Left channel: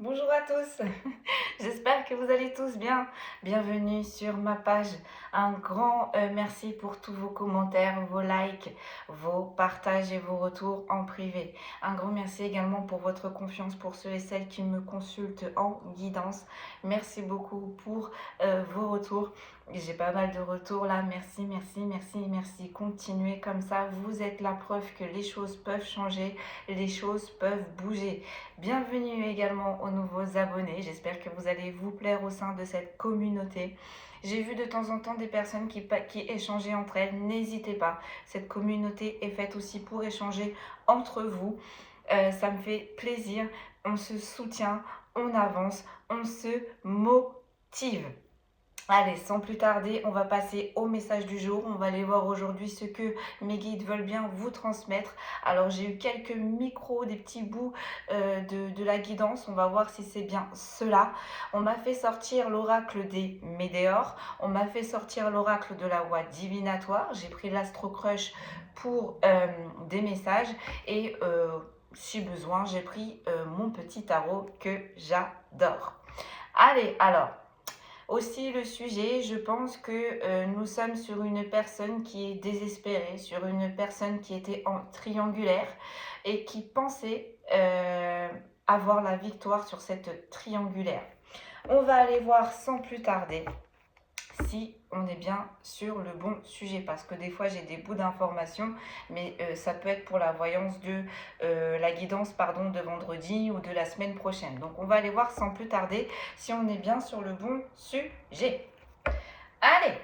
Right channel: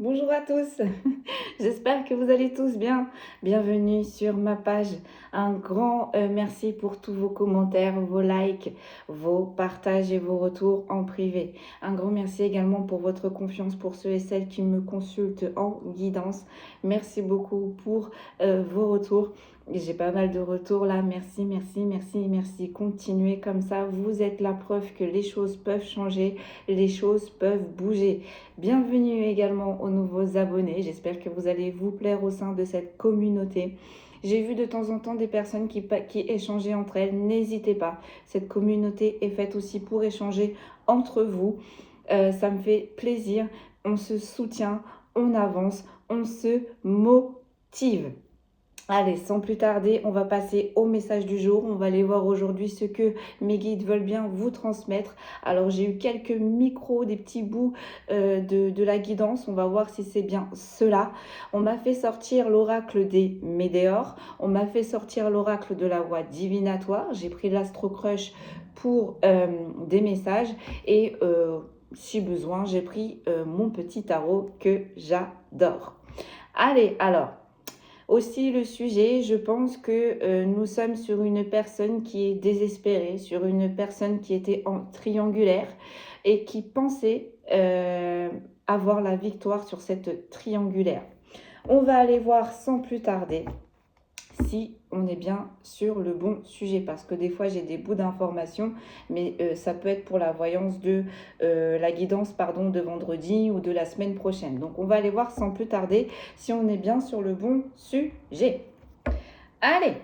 Bonjour à tous, j'espère que vous allez tous bien. Bienvenue sur ma page. Un grand merci pour tous vos commentaires, vos likes, vos partages et vos retours en privé. Un grand merci également pour votre confiance pour ceux et celles qui me consultent en guidance. Merci beaucoup pour vos retours. J'ai pas mal de retours là. Merci, merci, merci, merci. Continuez comme ça. Vous êtes la preuve que les choses peuvent changer, les choses peuvent bouger. Bienvenue également aux nouveaux abonnés. J'espère que vous allez vous plaire au sein de cette communauté. J'ai vu de temps en temps des personnes qui échangeaient entre elles. N'hésitez pas. Cette communauté est faite aussi pour échanger entre vous. Ça me fait plaisir. On se soutient, on avance, on se motive. Allez, sans plus tarder, on va passer au message du jour. On va aller voir aujourd'hui ce que mes guides veulent bien vous transmettre. Alors, j'ai eu quelques micros, des petits bouts de la guidance. On va voir si c'est bien cela. On m'a fait sortir l'oracle des Médéors. On m'a fait sortir l'oracle de la voie divinatoire. J'ai pris l'Astro Crush pour des messages. Et si besoin, j'ai pris mon petit tarot que j'adore. Allez, alors... Aussi le sujet, je pense que nous sommes sur une personne qui est désespérée, sur une personne qui était en triangulaire et qui pensait avoir la victoire sur cette triangulaire. On va aller voir sans plus tarder si on est bien sur le bon sujet, parce que des fois j'ai des bouts d'informations, mais ça peut être pour la voyance de la guidance de vendredi ou de la semaine prochaine. Donc on va aller voir sans plus tarder si on est bien sur le bon sujet. Allez,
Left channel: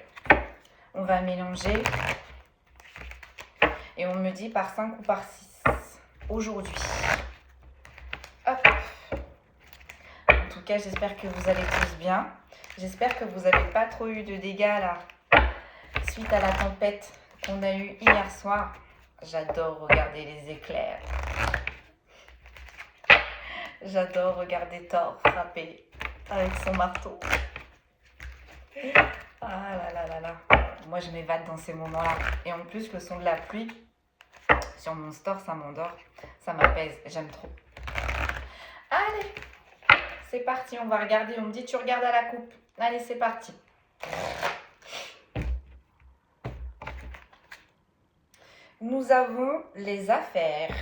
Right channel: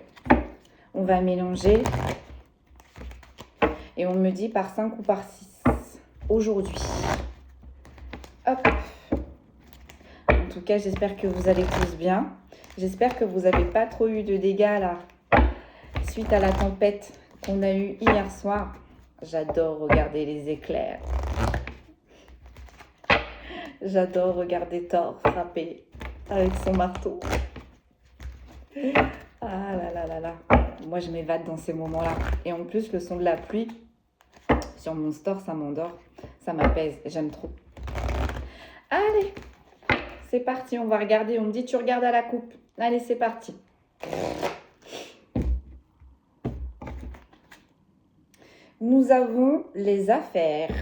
on va mélanger et on me dit par 5 ou par 6 aujourd'hui. Hop. En tout cas, j'espère que vous allez tous bien. J'espère que vous n'avez pas trop eu de dégâts là, suite à la tempête qu'on a eue hier soir. J'adore regarder les éclairs. J'adore regarder Thor frapper avec son marteau. Ah là là là là. Moi, je m'évade dans ces moments-là. Et en plus, le son de la pluie sur mon store, ça m'endort. Ça m'apaise. J'aime trop. Allez, c'est parti. On va regarder. On me dit, tu regardes à la coupe. Allez, c'est parti. Nous avons les affaires.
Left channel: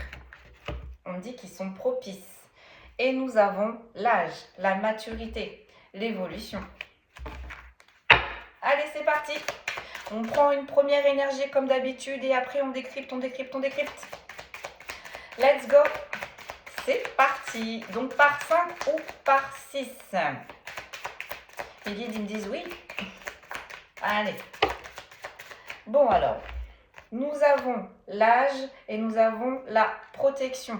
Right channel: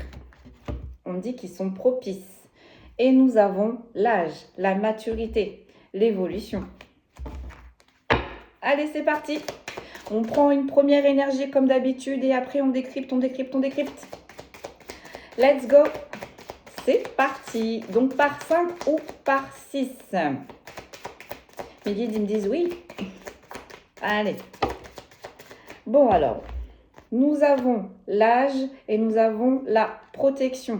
On dit qu'ils sont propices. Et nous avons l'âge, la maturité, l'évolution. Allez, c'est parti. On prend une première énergie comme d'habitude et après on décrypte, on décrypte, on décrypte. Let's go. C'est parti. Donc par 5 ou par 6. Mes guides, ils me disent oui. Allez. Bon alors, nous avons l'âge et nous avons la protection.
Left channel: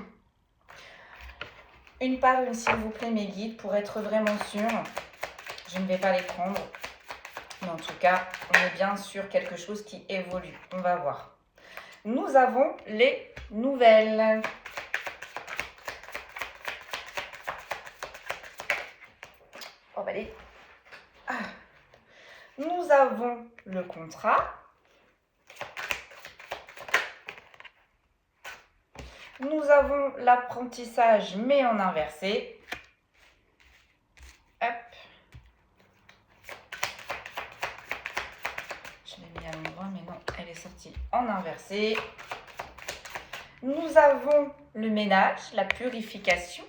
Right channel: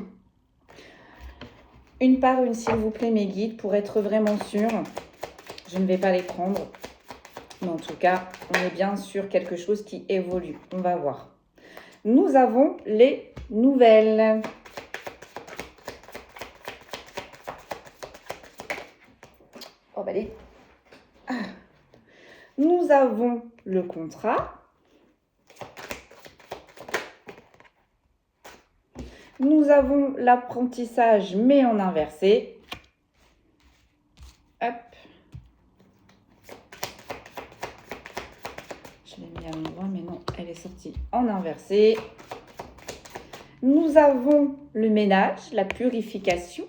Une par une, s'il vous plaît, mes guides, pour être vraiment sûr. Je ne vais pas les prendre. Mais en tout cas, on est bien sur quelque chose qui évolue. On va voir. Nous avons les nouvelles. Oh, bah allez. Ah. Nous avons le contrat. Nous avons l'apprentissage, mais en inversé. Hop. Je l'ai mis à l'endroit, mais non, elle est sortie en inversé. Nous avons le ménage, la purification.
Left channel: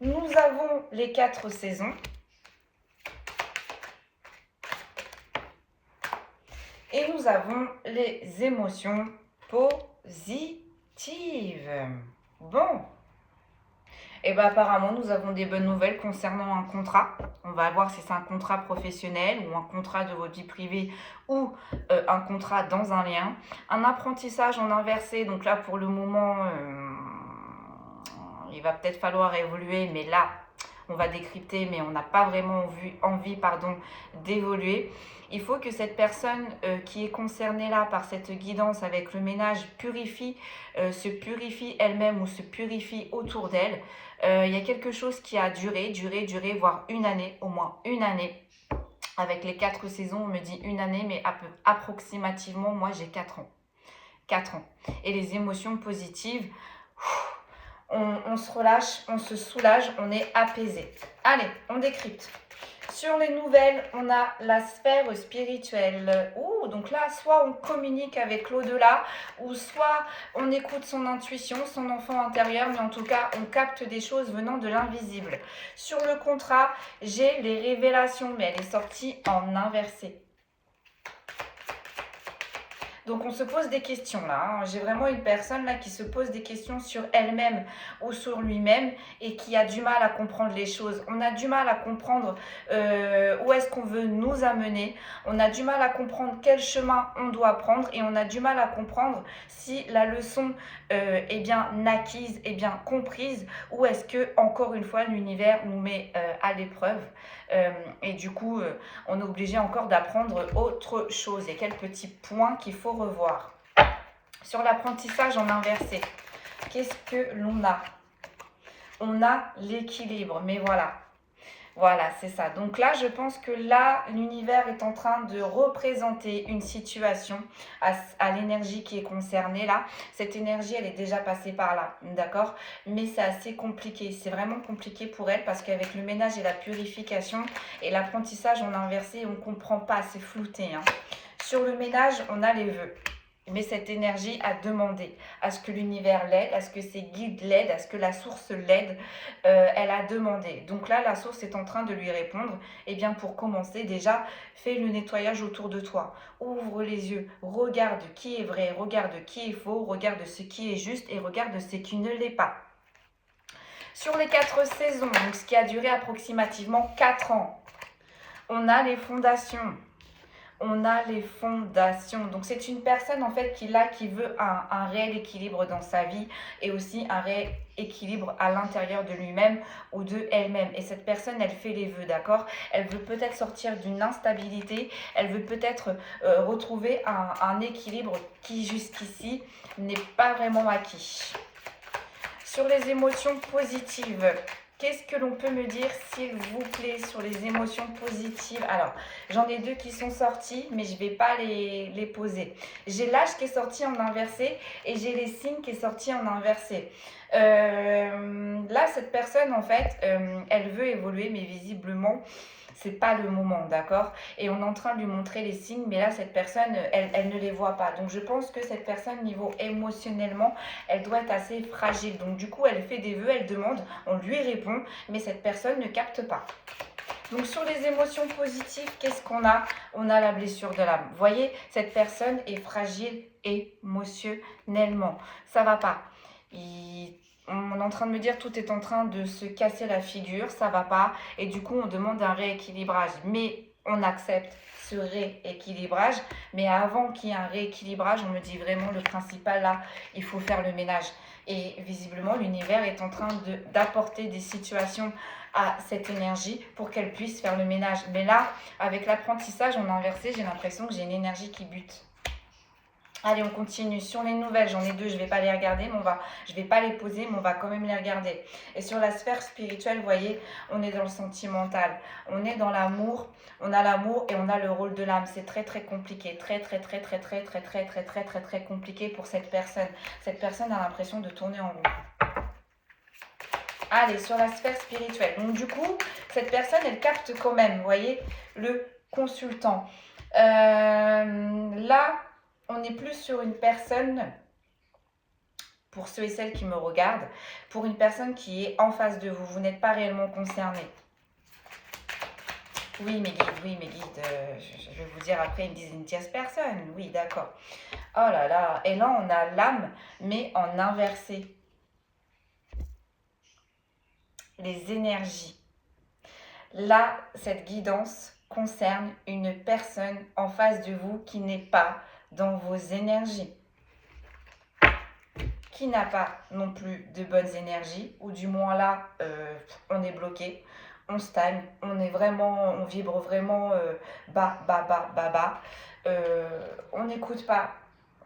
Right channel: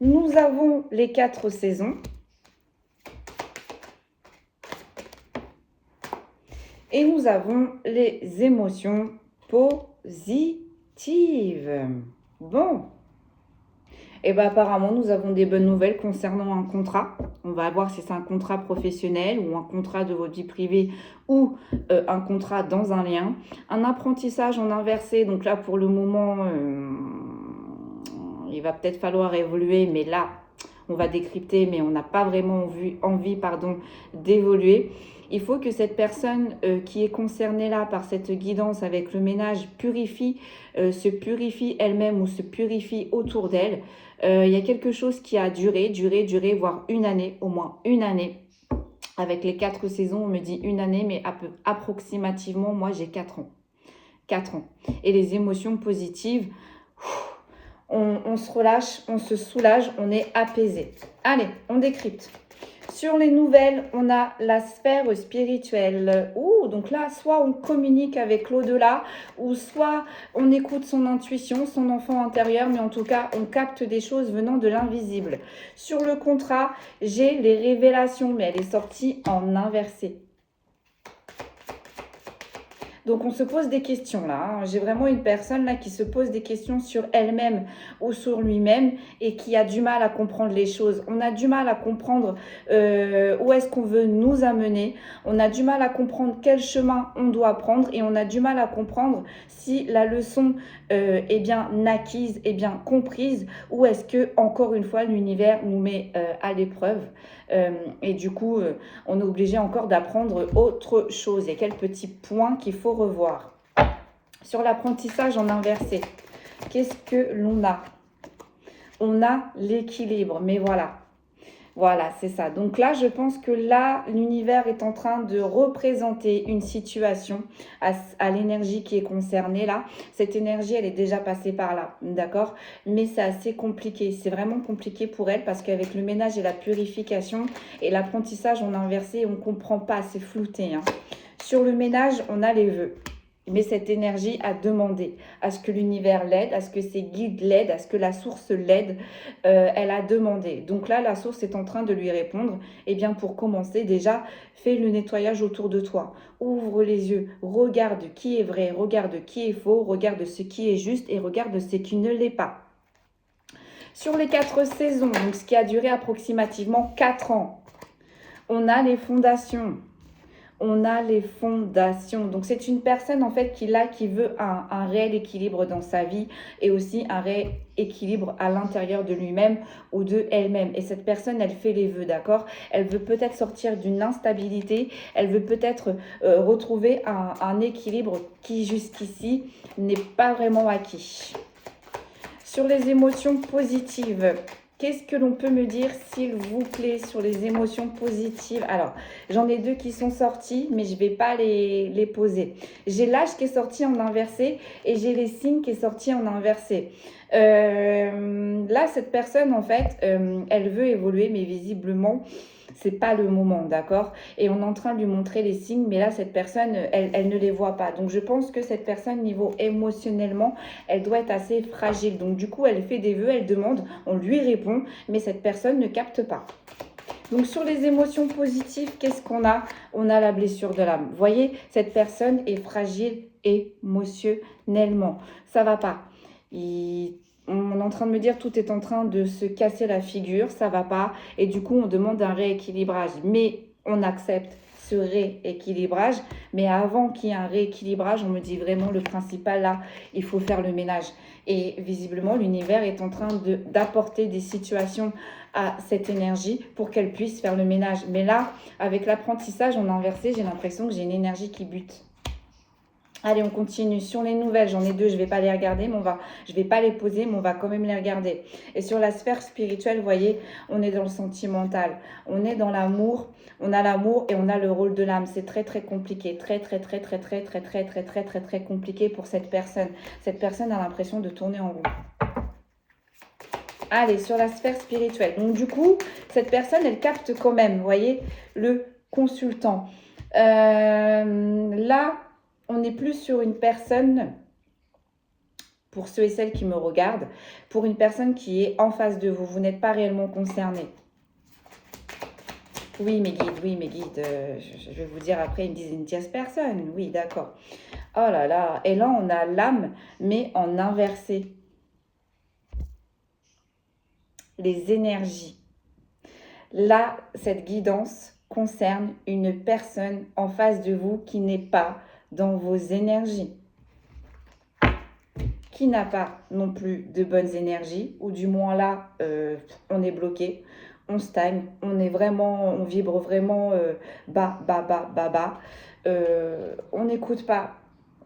Nous avons les 4 saisons. Et nous avons les émotions positives. Bon. Et bien apparemment, nous avons des bonnes nouvelles concernant un contrat. On va voir si c'est un contrat professionnel ou un contrat de votre vie privée ou un contrat dans un lien. Un apprentissage en inversé. Donc là, pour le moment, il va peut-être falloir évoluer. Mais là, on va décrypter, mais on n'a pas vraiment envie d'évoluer. Il faut que cette personne qui est concernée là par cette guidance avec le ménage se purifie elle-même ou se purifie autour d'elle. Il y a quelque chose qui a duré, voire une année, au moins une année. Avec les 4 saisons, on me dit une année, mais approximativement, moi j'ai 4 ans. 4 ans. Et les émotions positives, on se relâche, on se soulage, on est apaisé. Allez, on décrypte. Sur les nouvelles, on a la sphère spirituelle. Donc là, soit on communique avec l'au-delà, ou soit on écoute son intuition, son enfant intérieur, mais en tout cas, on capte des choses venant de l'invisible. Sur le contrat, j'ai les révélations, mais elle est sortie en inversé. Donc, on se pose des questions là. J'ai vraiment une personne là qui se pose des questions sur elle-même ou sur lui-même et qui a du mal à comprendre les choses. On a du mal à comprendre où est-ce qu'on veut nous amener. On a du mal à comprendre quel chemin on doit prendre et on a du mal à comprendre si la leçon est bien acquise, est bien comprise ou est-ce que, encore une fois, l'univers nous met à l'épreuve. Et du coup, on est obligé encore d'apprendre autre chose. Il y a quelques petits points qu'il faut revoir. Sur l'apprentissage en inversé, qu'est-ce que l'on a? On a l'équilibre, mais voilà. Voilà, c'est ça. Donc là, je pense que là, l'univers est en train de représenter une situation à l'énergie qui est concernée là. Cette énergie, elle est déjà passée par là, d'accord? Mais c'est assez compliqué. C'est vraiment compliqué pour elle parce qu'avec le ménage et la purification et l'apprentissage en inversé, on ne comprend pas, c'est flouté, hein. Sur le ménage, on a les vœux. Mais cette énergie a demandé à ce que l'univers l'aide, à ce que ses guides l'aident, à ce que la source l'aide. Elle a demandé. Donc là, la source est en train de lui répondre. Eh bien, pour commencer, déjà, fais le nettoyage autour de toi. Ouvre les yeux, regarde qui est vrai, regarde qui est faux, regarde ce qui est juste et regarde ce qui ne l'est pas. Sur les 4 saisons, donc ce qui a duré approximativement 4 ans, on a les fondations. On a les fondations. Donc, c'est une personne, en fait, qui veut un réel équilibre dans sa vie et aussi un réel équilibre à l'intérieur de lui-même ou de elle-même. Et cette personne, elle fait les vœux, d'accord? Elle veut peut-être sortir d'une instabilité. Elle veut peut-être retrouver un équilibre qui, jusqu'ici, n'est pas vraiment acquis. Sur les émotions positives, qu'est-ce que l'on peut me dire, s'il vous plaît, sur les émotions positives? Alors, j'en ai 2 qui sont sortis, mais je ne vais pas les poser. J'ai l'âge qui est sorti en inversé et j'ai les signes qui est sorti en inversé. Là, cette personne, en fait, elle veut évoluer, mais visiblement, c'est pas le moment, d'accord? Et on est en train de lui montrer les signes, mais là, cette personne, elle ne les voit pas. Donc, je pense que cette personne, niveau émotionnellement, elle doit être assez fragile. Donc, du coup, elle fait des vœux, elle demande, on lui répond, mais cette personne ne capte pas. Donc, sur les émotions positives, qu'est-ce qu'on a? On a la blessure de l'âme. Vous voyez, cette personne est fragile émotionnellement. Ça va pas. On est en train de me dire tout est en train de se casser la figure, ça va pas. Et du coup, on demande un rééquilibrage. Mais on accepte ce rééquilibrage. Mais avant qu'il y ait un rééquilibrage, on me dit vraiment le principal là, il faut faire le ménage. Et visiblement, l'univers est en train d'apporter des situations à cette énergie pour qu'elle puisse faire le ménage. Mais là, avec l'apprentissage en inversé, j'ai l'impression que j'ai une énergie qui bute. Allez, on continue. Sur les nouvelles, j'en ai 2, je ne vais pas les regarder, mais je ne vais pas les poser, mais on va quand même les regarder. Et sur la sphère spirituelle, vous voyez, on est dans le sentimental. On est dans l'amour. On a l'amour et on a le rôle de l'âme. C'est très, très compliqué. Très compliqué pour cette personne. Cette personne a l'impression de tourner en rond. Allez, sur la sphère spirituelle. Donc, du coup, cette personne, elle capte quand même, vous voyez, le consultant. Là, on n'est plus sur une personne, pour ceux et celles qui me regardent, pour une personne qui est en face de vous. Vous n'êtes pas réellement concerné. Oui, mes guides, je vais vous dire après, ils me disent une tierce personne. Oui, d'accord. Oh là là. Et là, on a l'âme, mais en inversé. Les énergies. Là, cette guidance concerne une personne en face de vous qui n'est pas dans vos énergies, qui n'a pas non plus de bonnes énergies, ou du moins là, on est bloqué, on stagne, on vibre vraiment bas. On n'écoute pas.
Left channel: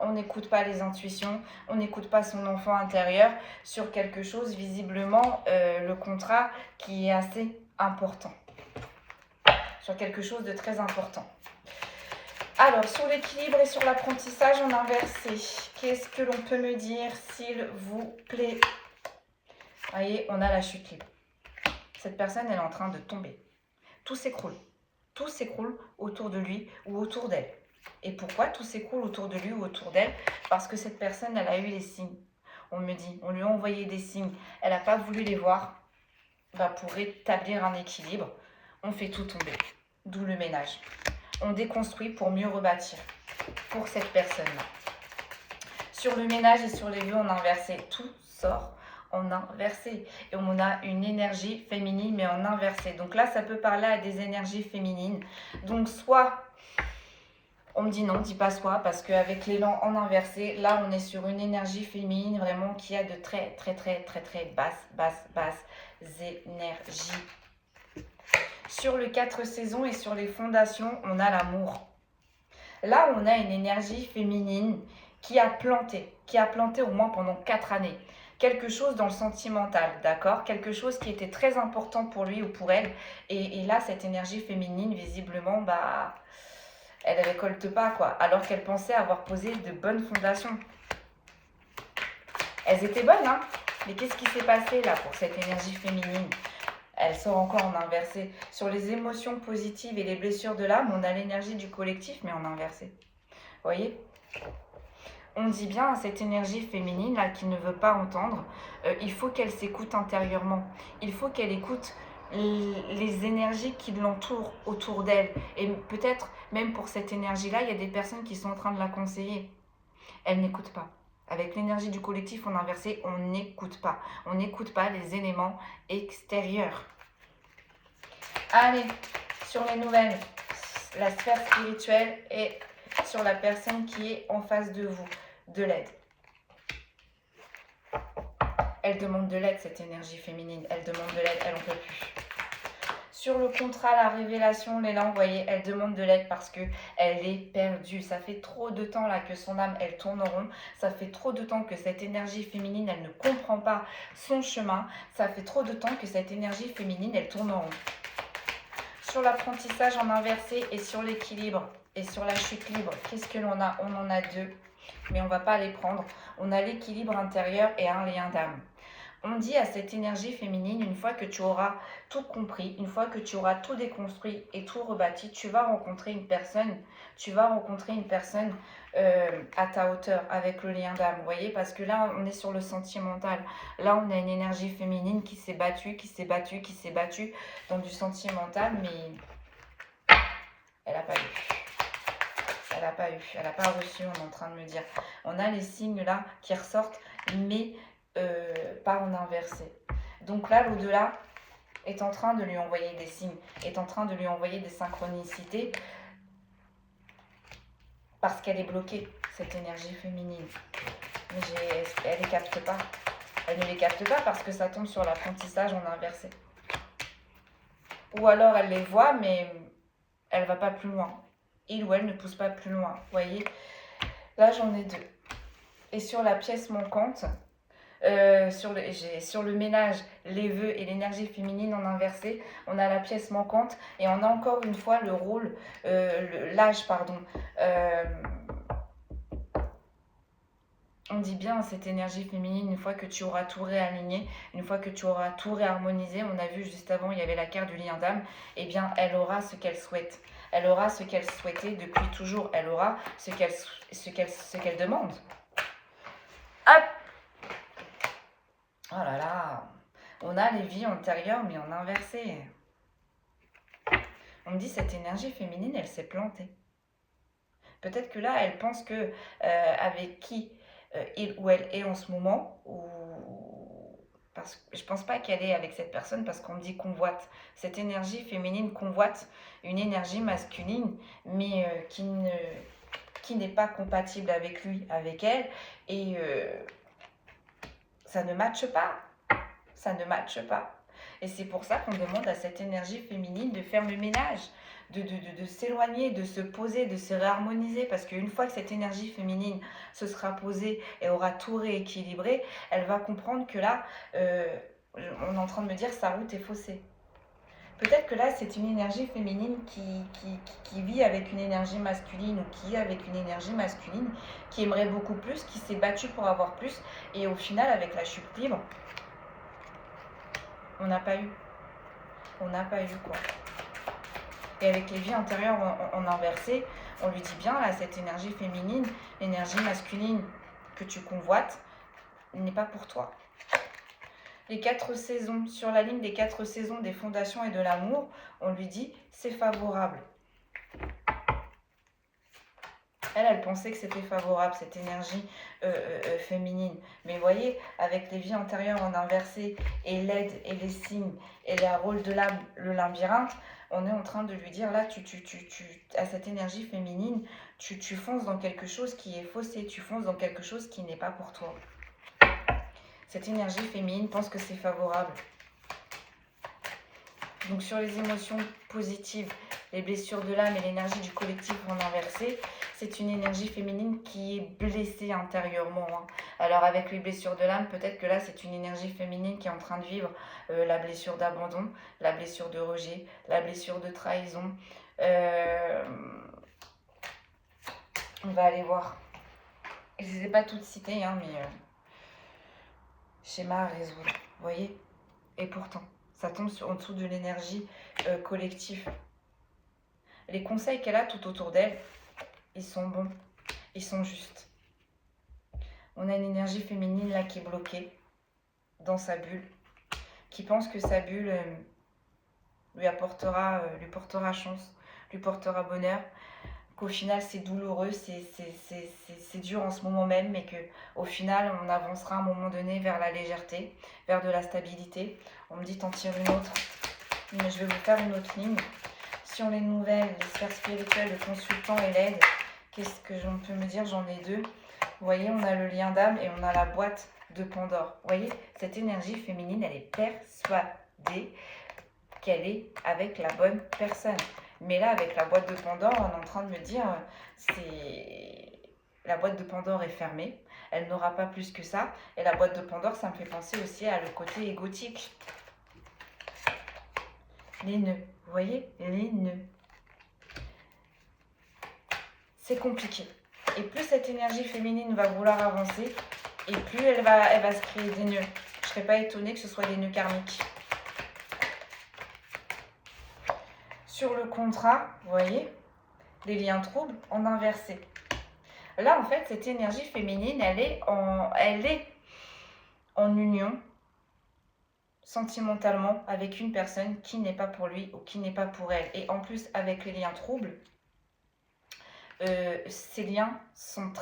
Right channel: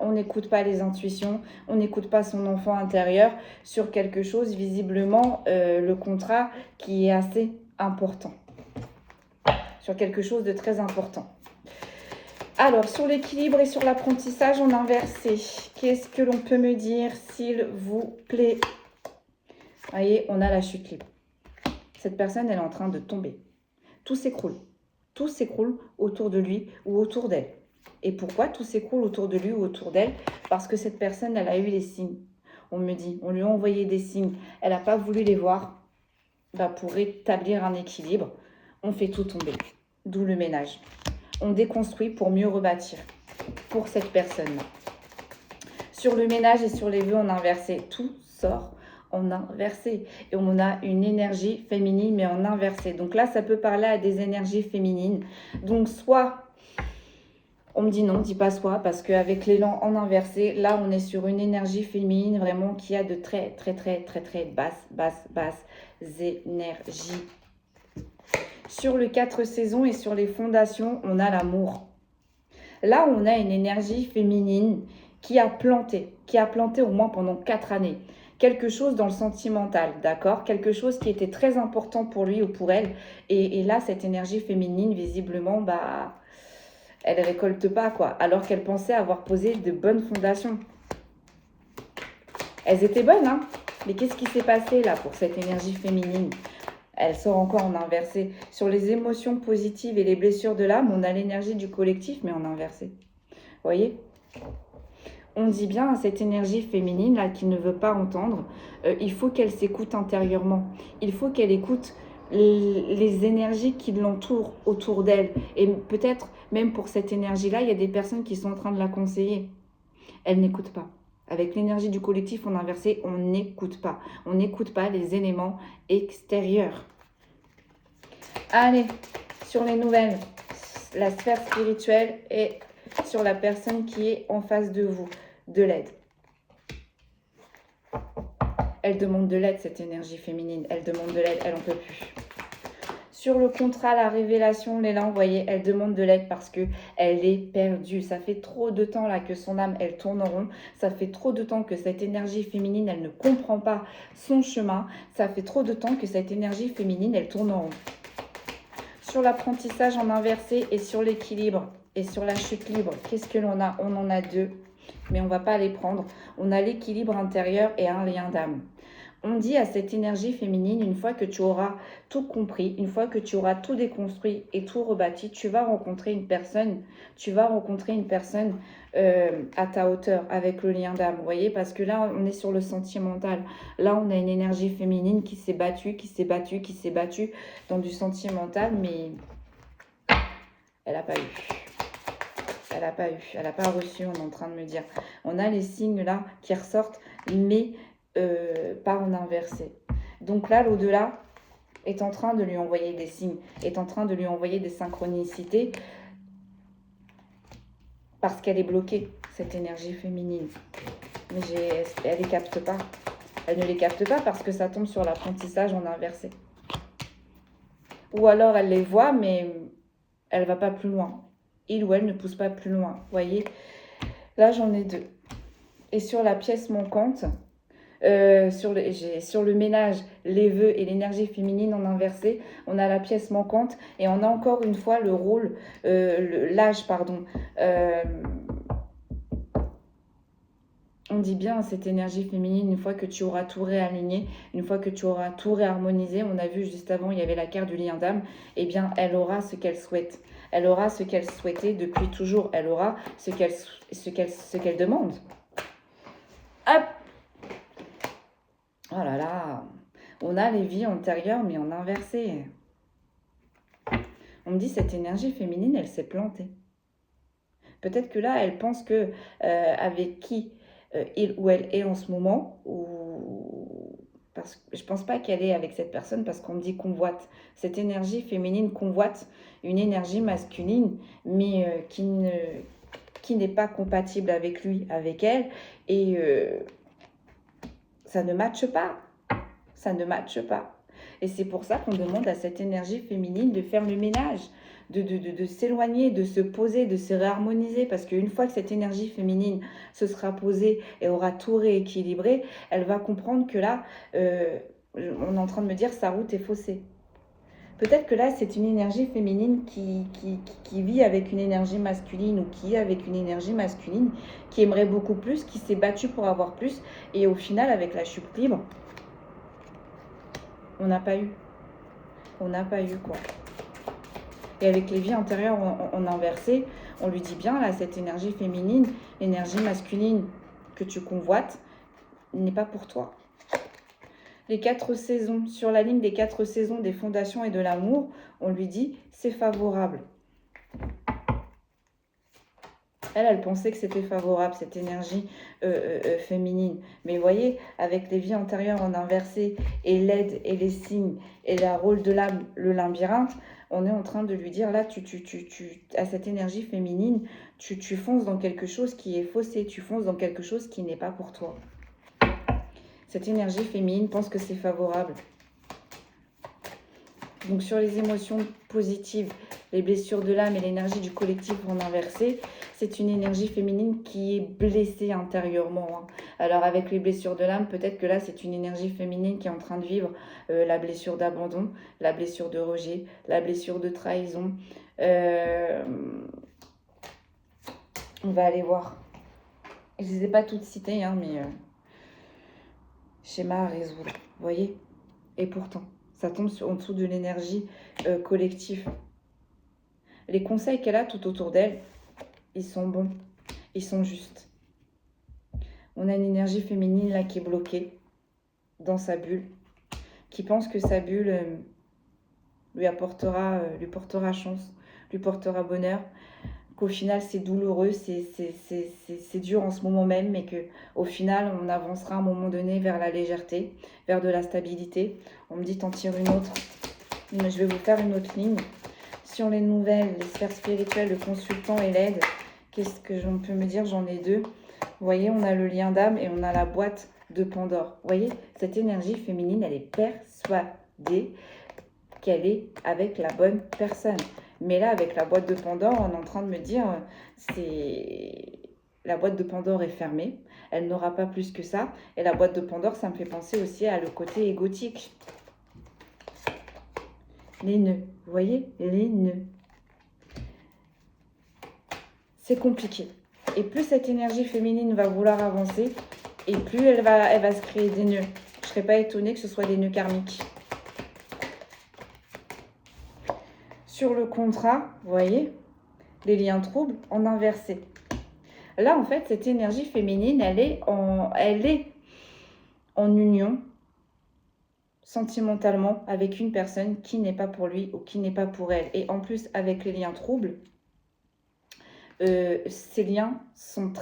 On n'écoute pas les intuitions, on n'écoute pas son enfant intérieur sur quelque chose, visiblement, le contrat qui est assez important. Sur quelque chose de très important. Alors, sur l'équilibre et sur l'apprentissage en inversé, qu'est-ce que l'on peut me dire, s'il vous plaît? Vous voyez, on a la chute libre. Cette personne, elle est en train de tomber. Tout s'écroule. Tout s'écroule autour de lui ou autour d'elle. Et pourquoi tout s'écroule autour de lui ou autour d'elle? Parce que cette personne, elle a eu les signes. On me dit, on lui a envoyé des signes. Elle n'a pas voulu les voir. Bah, pour établir un équilibre, on fait tout tomber. D'où le ménage. On déconstruit pour mieux rebâtir pour cette personne-là. Sur le ménage et sur les vœux en inversé, tout sort en inversé. Et on a une énergie féminine, mais en inversé. Donc là, ça peut parler à des énergies féminines. Donc soit, on me dit non, dis pas soit, parce qu'avec l'élan en inversé, là, on est sur une énergie féminine vraiment qui a de très basses énergies. Sur le 4 saisons et sur les fondations, on a l'amour. Là, on a une énergie féminine qui a planté au moins pendant 4 années. Quelque chose dans le sentimental, d'accord? Quelque chose qui était très important pour lui ou pour elle. Et là, cette énergie féminine, visiblement, bah, elle ne récolte pas, quoi. Alors qu'elle pensait avoir posé de bonnes fondations. Elles étaient bonnes, hein? Mais qu'est-ce qui s'est passé, là, pour cette énergie féminine? Elle sort encore en inversé. Sur les émotions positives et les blessures de l'âme, on a l'énergie du collectif, mais en inversé. Vous voyez? On dit bien à cette énergie féminine là qui ne veut pas entendre, il faut qu'elle s'écoute intérieurement. Il faut qu'elle écoute les énergies qui l'entourent autour d'elle. Et peut-être même pour cette énergie-là, il y a des personnes qui sont en train de la conseiller. Elle n'écoute pas. Avec l'énergie du collectif en inversé, on n'écoute pas. On n'écoute pas les éléments extérieurs. Allez, sur les nouvelles, la sphère spirituelle et sur la personne qui est en face de vous, de l'aide. Elle demande de l'aide, cette énergie féminine. Elle demande de l'aide, elle n'en peut plus. Sur le contrat, la révélation, l'élan, vous voyez, elle demande de l'aide parce qu'elle est perdue. Ça fait trop de temps là que son âme, elle tourne en rond. Ça fait trop de temps que cette énergie féminine, elle ne comprend pas son chemin. Ça fait trop de temps que cette énergie féminine, elle tourne en rond. Sur l'apprentissage en inversé et sur l'équilibre et sur la chute libre, qu'est-ce que l'on a? On en a deux, mais on ne va pas les prendre. On a l'équilibre intérieur et un lien d'âme. On dit à cette énergie féminine, une fois que tu auras tout compris, une fois que tu auras tout déconstruit et tout rebâti, tu vas rencontrer une personne, à ta hauteur, avec le lien d'âme, vous voyez, parce que là, on est sur le sentimental. Là, on a une énergie féminine qui s'est battue dans du sentimental, mais elle n'a pas eu. Elle n'a pas reçu, on est en train de me dire. On a les signes là qui ressortent, mais pas en inversé. Donc là, l'au-delà est en train de lui envoyer des signes, est en train de lui envoyer des synchronicités parce qu'elle est bloquée, cette énergie féminine. Mais elle ne les capte pas. Elle ne les capte pas parce que ça tombe sur l'apprentissage en inversé. Ou alors elle les voit, mais elle ne va pas plus loin. Il ou elle ne pousse pas plus loin. Vous voyez, là j'en ai deux. Et sur la pièce manquante, sur le ménage, les vœux et l'énergie féminine en inversé, on a la pièce manquante et on a encore une fois le rôle, l'âge, pardon. On dit bien à cette énergie féminine, une fois que tu auras tout réaligné, une fois que tu auras tout réharmonisé, on a vu juste avant, il y avait la carte du lien d'âme, eh bien, elle aura ce qu'elle souhaite. Elle aura ce qu'elle souhaitait depuis toujours. Elle aura ce qu'elle demande. Hop! Oh là là, on a les vies antérieures, mais en inversé. On me dit, cette énergie féminine, elle s'est plantée. Peut-être que là, elle pense que avec qui il ou elle est en ce moment, parce que je ne pense pas qu'elle est avec cette personne, parce qu'on me dit convoite. Cette énergie féminine convoite une énergie masculine, mais qui n'est pas compatible avec lui, avec elle, et ça ne matche pas. Ça ne matche pas. Et c'est pour ça qu'on demande à cette énergie féminine de faire le ménage, de s'éloigner, de se poser, de se réharmoniser. Parce qu'une fois que cette énergie féminine se sera posée et aura tout rééquilibré, elle va comprendre que là, on est en train de me dire sa route est faussée. Peut-être que là, c'est une énergie féminine qui vit avec une énergie masculine ou qui est avec une énergie masculine, qui aimerait beaucoup plus, qui s'est battue pour avoir plus. Et au final, avec la chute libre, on n'a pas eu. On n'a pas eu, quoi. Et avec les vies antérieures en inversé, on lui dit bien, là, cette énergie féminine, l'énergie masculine que tu convoites, n'est pas pour toi. Les 4 saisons, sur la ligne des 4 saisons des fondations et de l'amour, on lui dit, c'est favorable. Elle pensait que c'était favorable, cette énergie féminine. Mais vous voyez, avec les vies antérieures en inversé, et l'aide, et les signes, et le rôle de l'âme, le labyrinthe, on est en train de lui dire, là, à cette énergie féminine, tu fonces dans quelque chose qui est faussé, tu fonces dans quelque chose qui n'est pas pour toi. Cette énergie féminine pense que c'est favorable. Donc sur les émotions positives, les blessures de l'âme et l'énergie du collectif en inversé, c'est une énergie féminine qui est blessée intérieurement. Alors avec les blessures de l'âme, peut-être que là c'est une énergie féminine qui est en train de vivre la blessure d'abandon, la blessure de rejet, la blessure de trahison. On va aller voir. Je ne les ai pas toutes citées, hein, mais schéma à résoudre, vous voyez. Et pourtant, ça tombe en dessous de l'énergie collective. Les conseils qu'elle a tout autour d'elle, ils sont bons, ils sont justes. On a une énergie féminine là qui est bloquée dans sa bulle, qui pense que sa bulle lui portera chance, lui portera bonheur, qu'au final c'est douloureux, c'est dur en ce moment même, mais qu'au final on avancera à un moment donné vers la légèreté, vers de la stabilité. On me dit t'en tires une autre, mais je vais vous faire une autre ligne. Sur les nouvelles, les sphères spirituelles, le consultant et l'aide, qu'est-ce que l'on peut me dire? J'en ai 2. Vous voyez, on a le lien d'âme et on a la boîte de Pandore. Vous voyez, cette énergie féminine, elle est persuadée qu'elle est avec la bonne personne. Mais là, avec la boîte de Pandore, on est en train de me dire, la boîte de Pandore est fermée. Elle n'aura pas plus que ça. Et la boîte de Pandore, ça me fait penser aussi à le côté égotique. Les nœuds, vous voyez, les nœuds. C'est compliqué. Et plus cette énergie féminine va vouloir avancer, et plus elle va se créer des nœuds. Je ne serais pas étonnée que ce soit des nœuds karmiques. Sur le contrat, vous voyez, les liens troubles en inversé. Là, en fait, cette énergie féminine, elle est en union sentimentalement avec une personne qui n'est pas pour lui ou qui n'est pas pour elle. Et en plus, avec les liens troubles, ces liens sont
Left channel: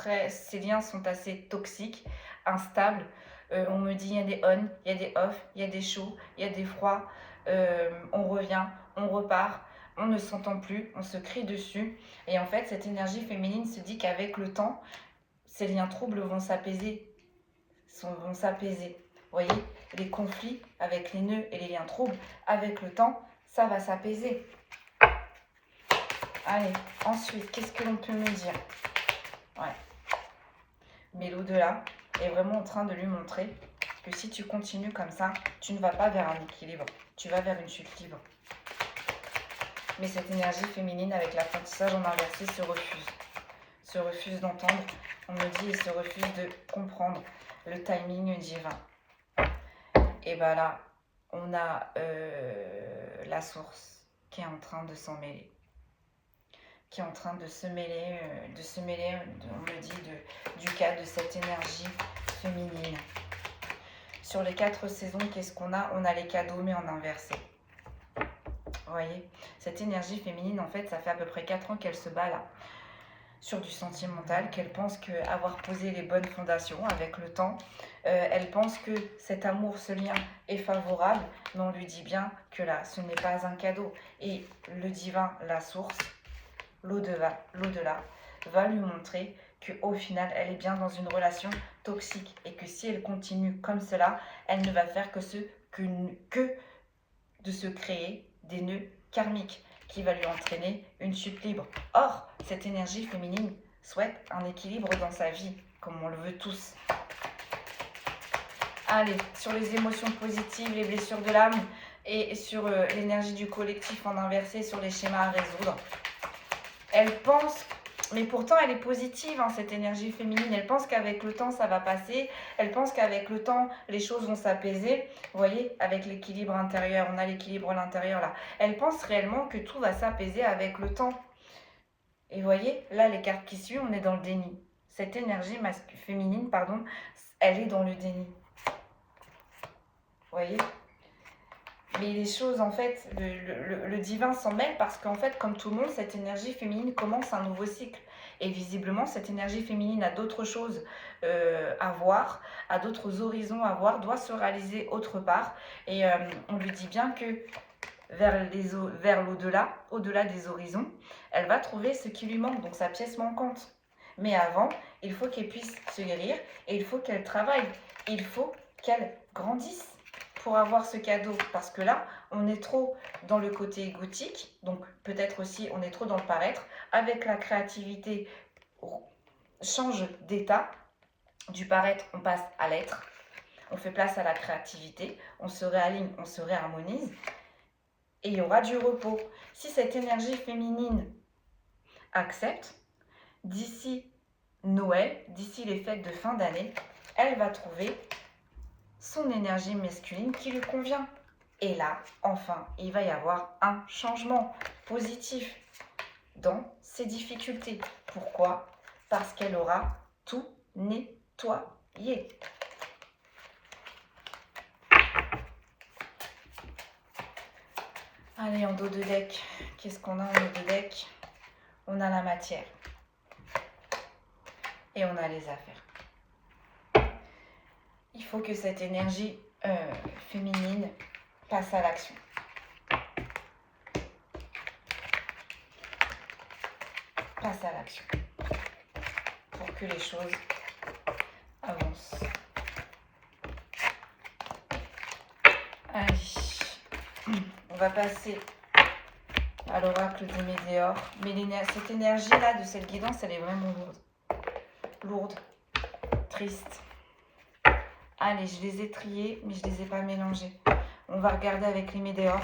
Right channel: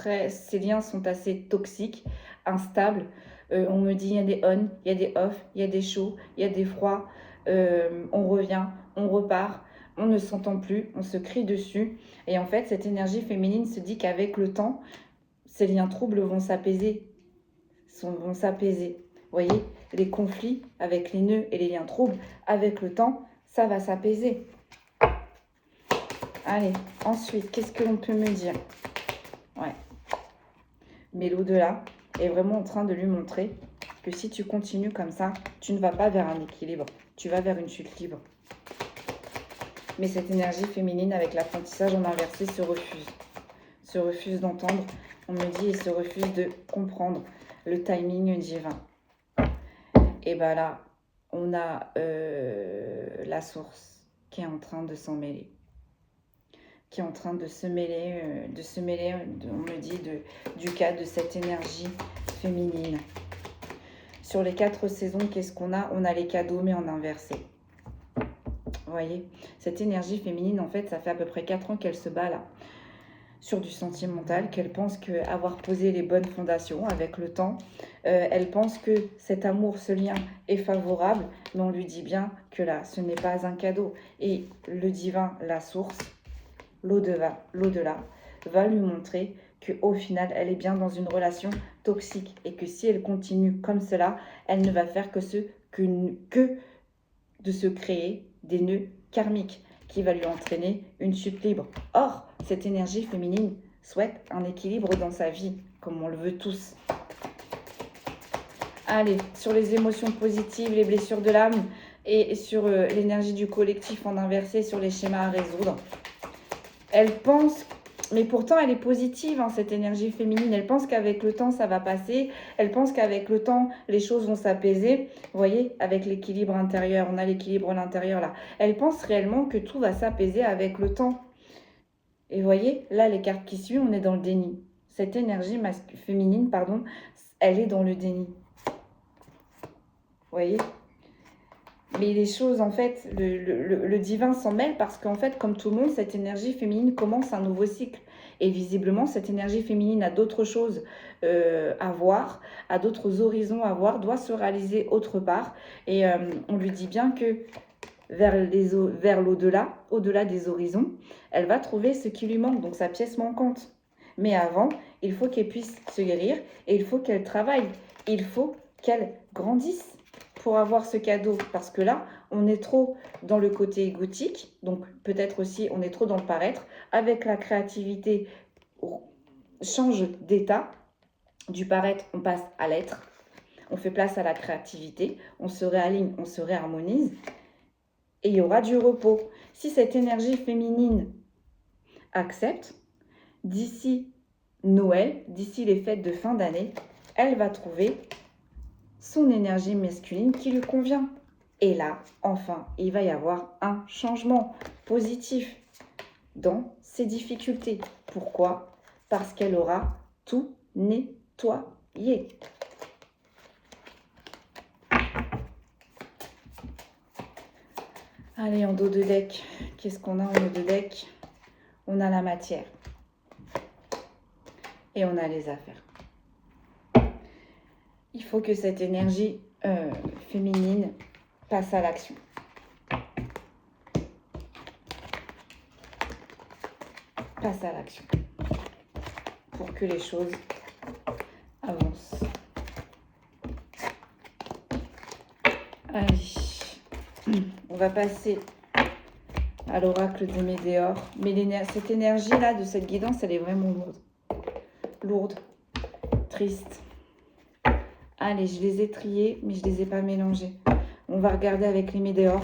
assez toxiques, instables. On me dit il y a des on, il y a des off, il y a des chauds, il y a des froids. On revient, on repart, on ne s'entend plus, on se crie dessus. Et en fait, cette énergie féminine se dit qu'avec le temps, ces liens troubles vont s'apaiser. Vous voyez, les conflits avec les nœuds et les liens troubles, avec le temps, ça va s'apaiser. Allez, ensuite, qu'est-ce que l'on peut me dire? Ouais. Mais l'au-delà est vraiment en train de lui montrer que si tu continues comme ça, tu ne vas pas vers un équilibre, tu vas vers une chute libre. Mais cette énergie féminine avec l'apprentissage en inversé se refuse d'entendre, on me dit, et se refuse de comprendre le timing divin. Et bien là, on a la source qui est en train de s'en mêler. Qui est en train de se mêler, on me dit, du cas de cette énergie féminine. Sur les 4 saisons, qu'est-ce qu'on a? On a les cadeaux, mais en inversé. Vous voyez, cette énergie féminine, en fait, ça fait à peu près 4 ans qu'elle se bat là, sur du sentimental, qu'elle pense qu'avoir posé les bonnes fondations avec le temps, elle pense que cet amour, ce lien est favorable, mais on lui dit bien que là, ce n'est pas un cadeau. Et le divin, la source, l'au-delà, va lui montrer qu'au final, elle est bien dans une relation toxique et que si elle continue comme cela, elle ne va faire que de se créer des nœuds karmiques qui va lui entraîner une chute libre. Or, cette énergie féminine souhaite un équilibre dans sa vie, comme on le veut tous. Allez, sur les émotions positives, les blessures de l'âme, et sur l'énergie du collectif en inversé, sur les schémas à résoudre. Elle pense, mais pourtant elle est positive, hein, cette énergie féminine. Elle pense qu'avec le temps, ça va passer. Elle pense qu'avec le temps, les choses vont s'apaiser. Vous voyez, avec l'équilibre intérieur, on a l'équilibre à l'intérieur là. Elle pense réellement que tout va s'apaiser avec le temps. Et vous voyez, là, les cartes qui suivent, on est dans le déni. Cette énergie féminine, pardon, elle est dans le déni. Vous voyez? Mais les choses, en fait, le divin s'en mêle parce qu'en fait, comme tout le monde, cette énergie féminine commence un nouveau cycle. Et visiblement, cette énergie féminine a d'autres choses à voir, a d'autres horizons à voir, doit se réaliser autre part. Et on lui dit bien que vers l'au-delà, au-delà des horizons, elle va trouver ce qui lui manque, donc sa pièce manquante. Mais avant, il faut qu'elle puisse se guérir et il faut qu'elle travaille. Il faut qu'elle grandisse pour avoir ce cadeau. Parce que là, on est trop dans le côté égotique, donc peut-être aussi on est trop dans le paraître. Avec la créativité, on change d'état. Du paraître, on passe à l'être. On fait place à la créativité, on se réaligne, on se réharmonise. Et il y aura du repos. Si cette énergie féminine accepte, d'ici Noël, d'ici les fêtes de fin d'année, elle va trouver son énergie masculine qui lui convient. Et là, enfin, il va y avoir un changement positif dans ses difficultés. Pourquoi? Parce qu'elle aura tout nettoyé. Allez, en dos de deck, qu'est-ce qu'on a en dos de deck? On a la matière. Et on a les affaires. Il faut que cette énergie féminine passe à l'action. Passe à l'action. Pour que les choses avancent. Allez. On va passer à l'oracle des météores. Mais cette énergie-là de cette guidance, elle est vraiment lourde. Lourde. Triste. Allez, je les ai triés, mais je ne les ai pas mélangés. On va regarder avec les météores.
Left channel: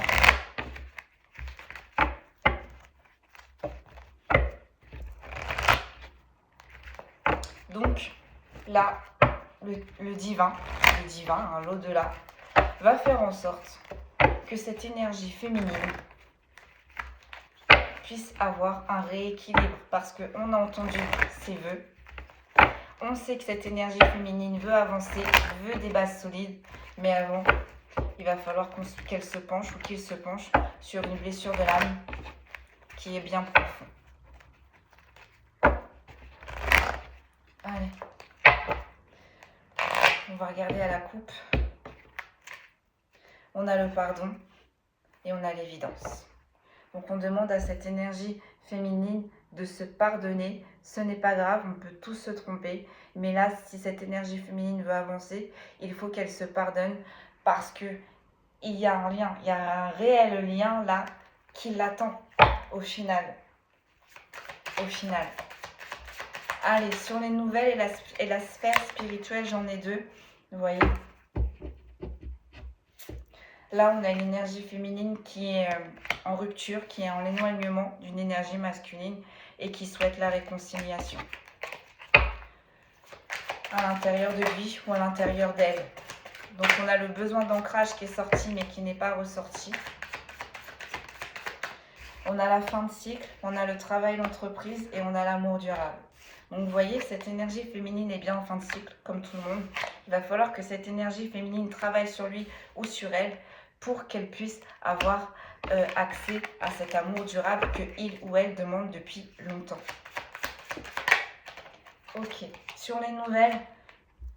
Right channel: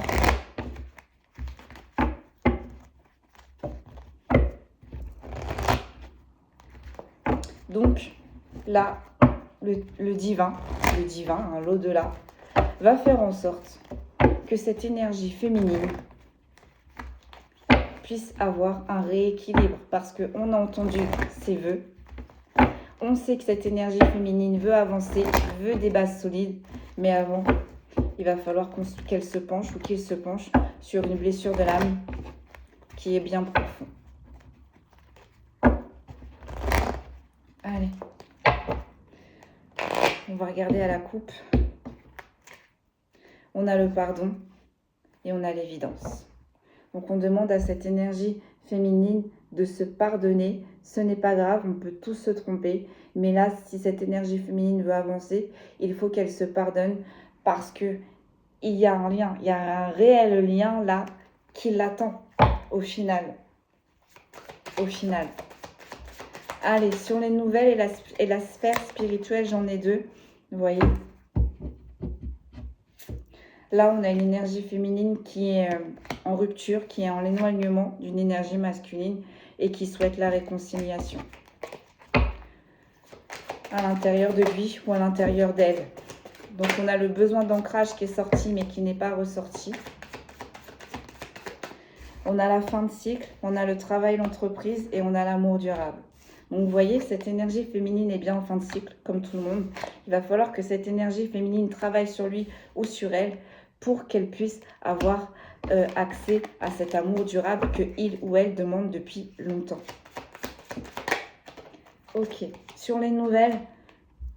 Donc, là, le divin, hein, l'au-delà, va faire en sorte que cette énergie féminine puisse avoir un rééquilibre. Parce qu'on a entendu ses vœux. On sait que cette énergie féminine veut avancer, veut des bases solides. Mais avant, il va falloir qu'elle se penche ou qu'il se penche sur une blessure de l'âme qui est bien profonde. Allez. On va regarder à la coupe. On a le pardon et on a l'évidence. Donc on demande à cette énergie féminine de se pardonner. Ce n'est pas grave, on peut tous se tromper. Mais là, si cette énergie féminine veut avancer, il faut qu'elle se pardonne parce que il y a un lien, il y a un réel lien là qui l'attend au final. Au final. Allez, sur les nouvelles et la sphère spirituelle, j'en ai deux. Vous voyez? Là, on a une énergie féminine qui est en rupture, qui est en éloignement d'une énergie masculine et qui souhaite la réconciliation. À l'intérieur de lui ou à l'intérieur d'elle. Donc, on a le besoin d'ancrage qui est sorti mais qui n'est pas ressorti. On a la fin de cycle, on a le travail, l'entreprise et on a l'amour durable. Donc, vous voyez, cette énergie féminine est bien en fin de cycle, comme tout le monde. Il va falloir que cette énergie féminine travaille sur lui ou sur elle pour qu'elle puisse avoir accès à cet amour durable que il ou elle demande depuis longtemps. Ok, sur les nouvelles,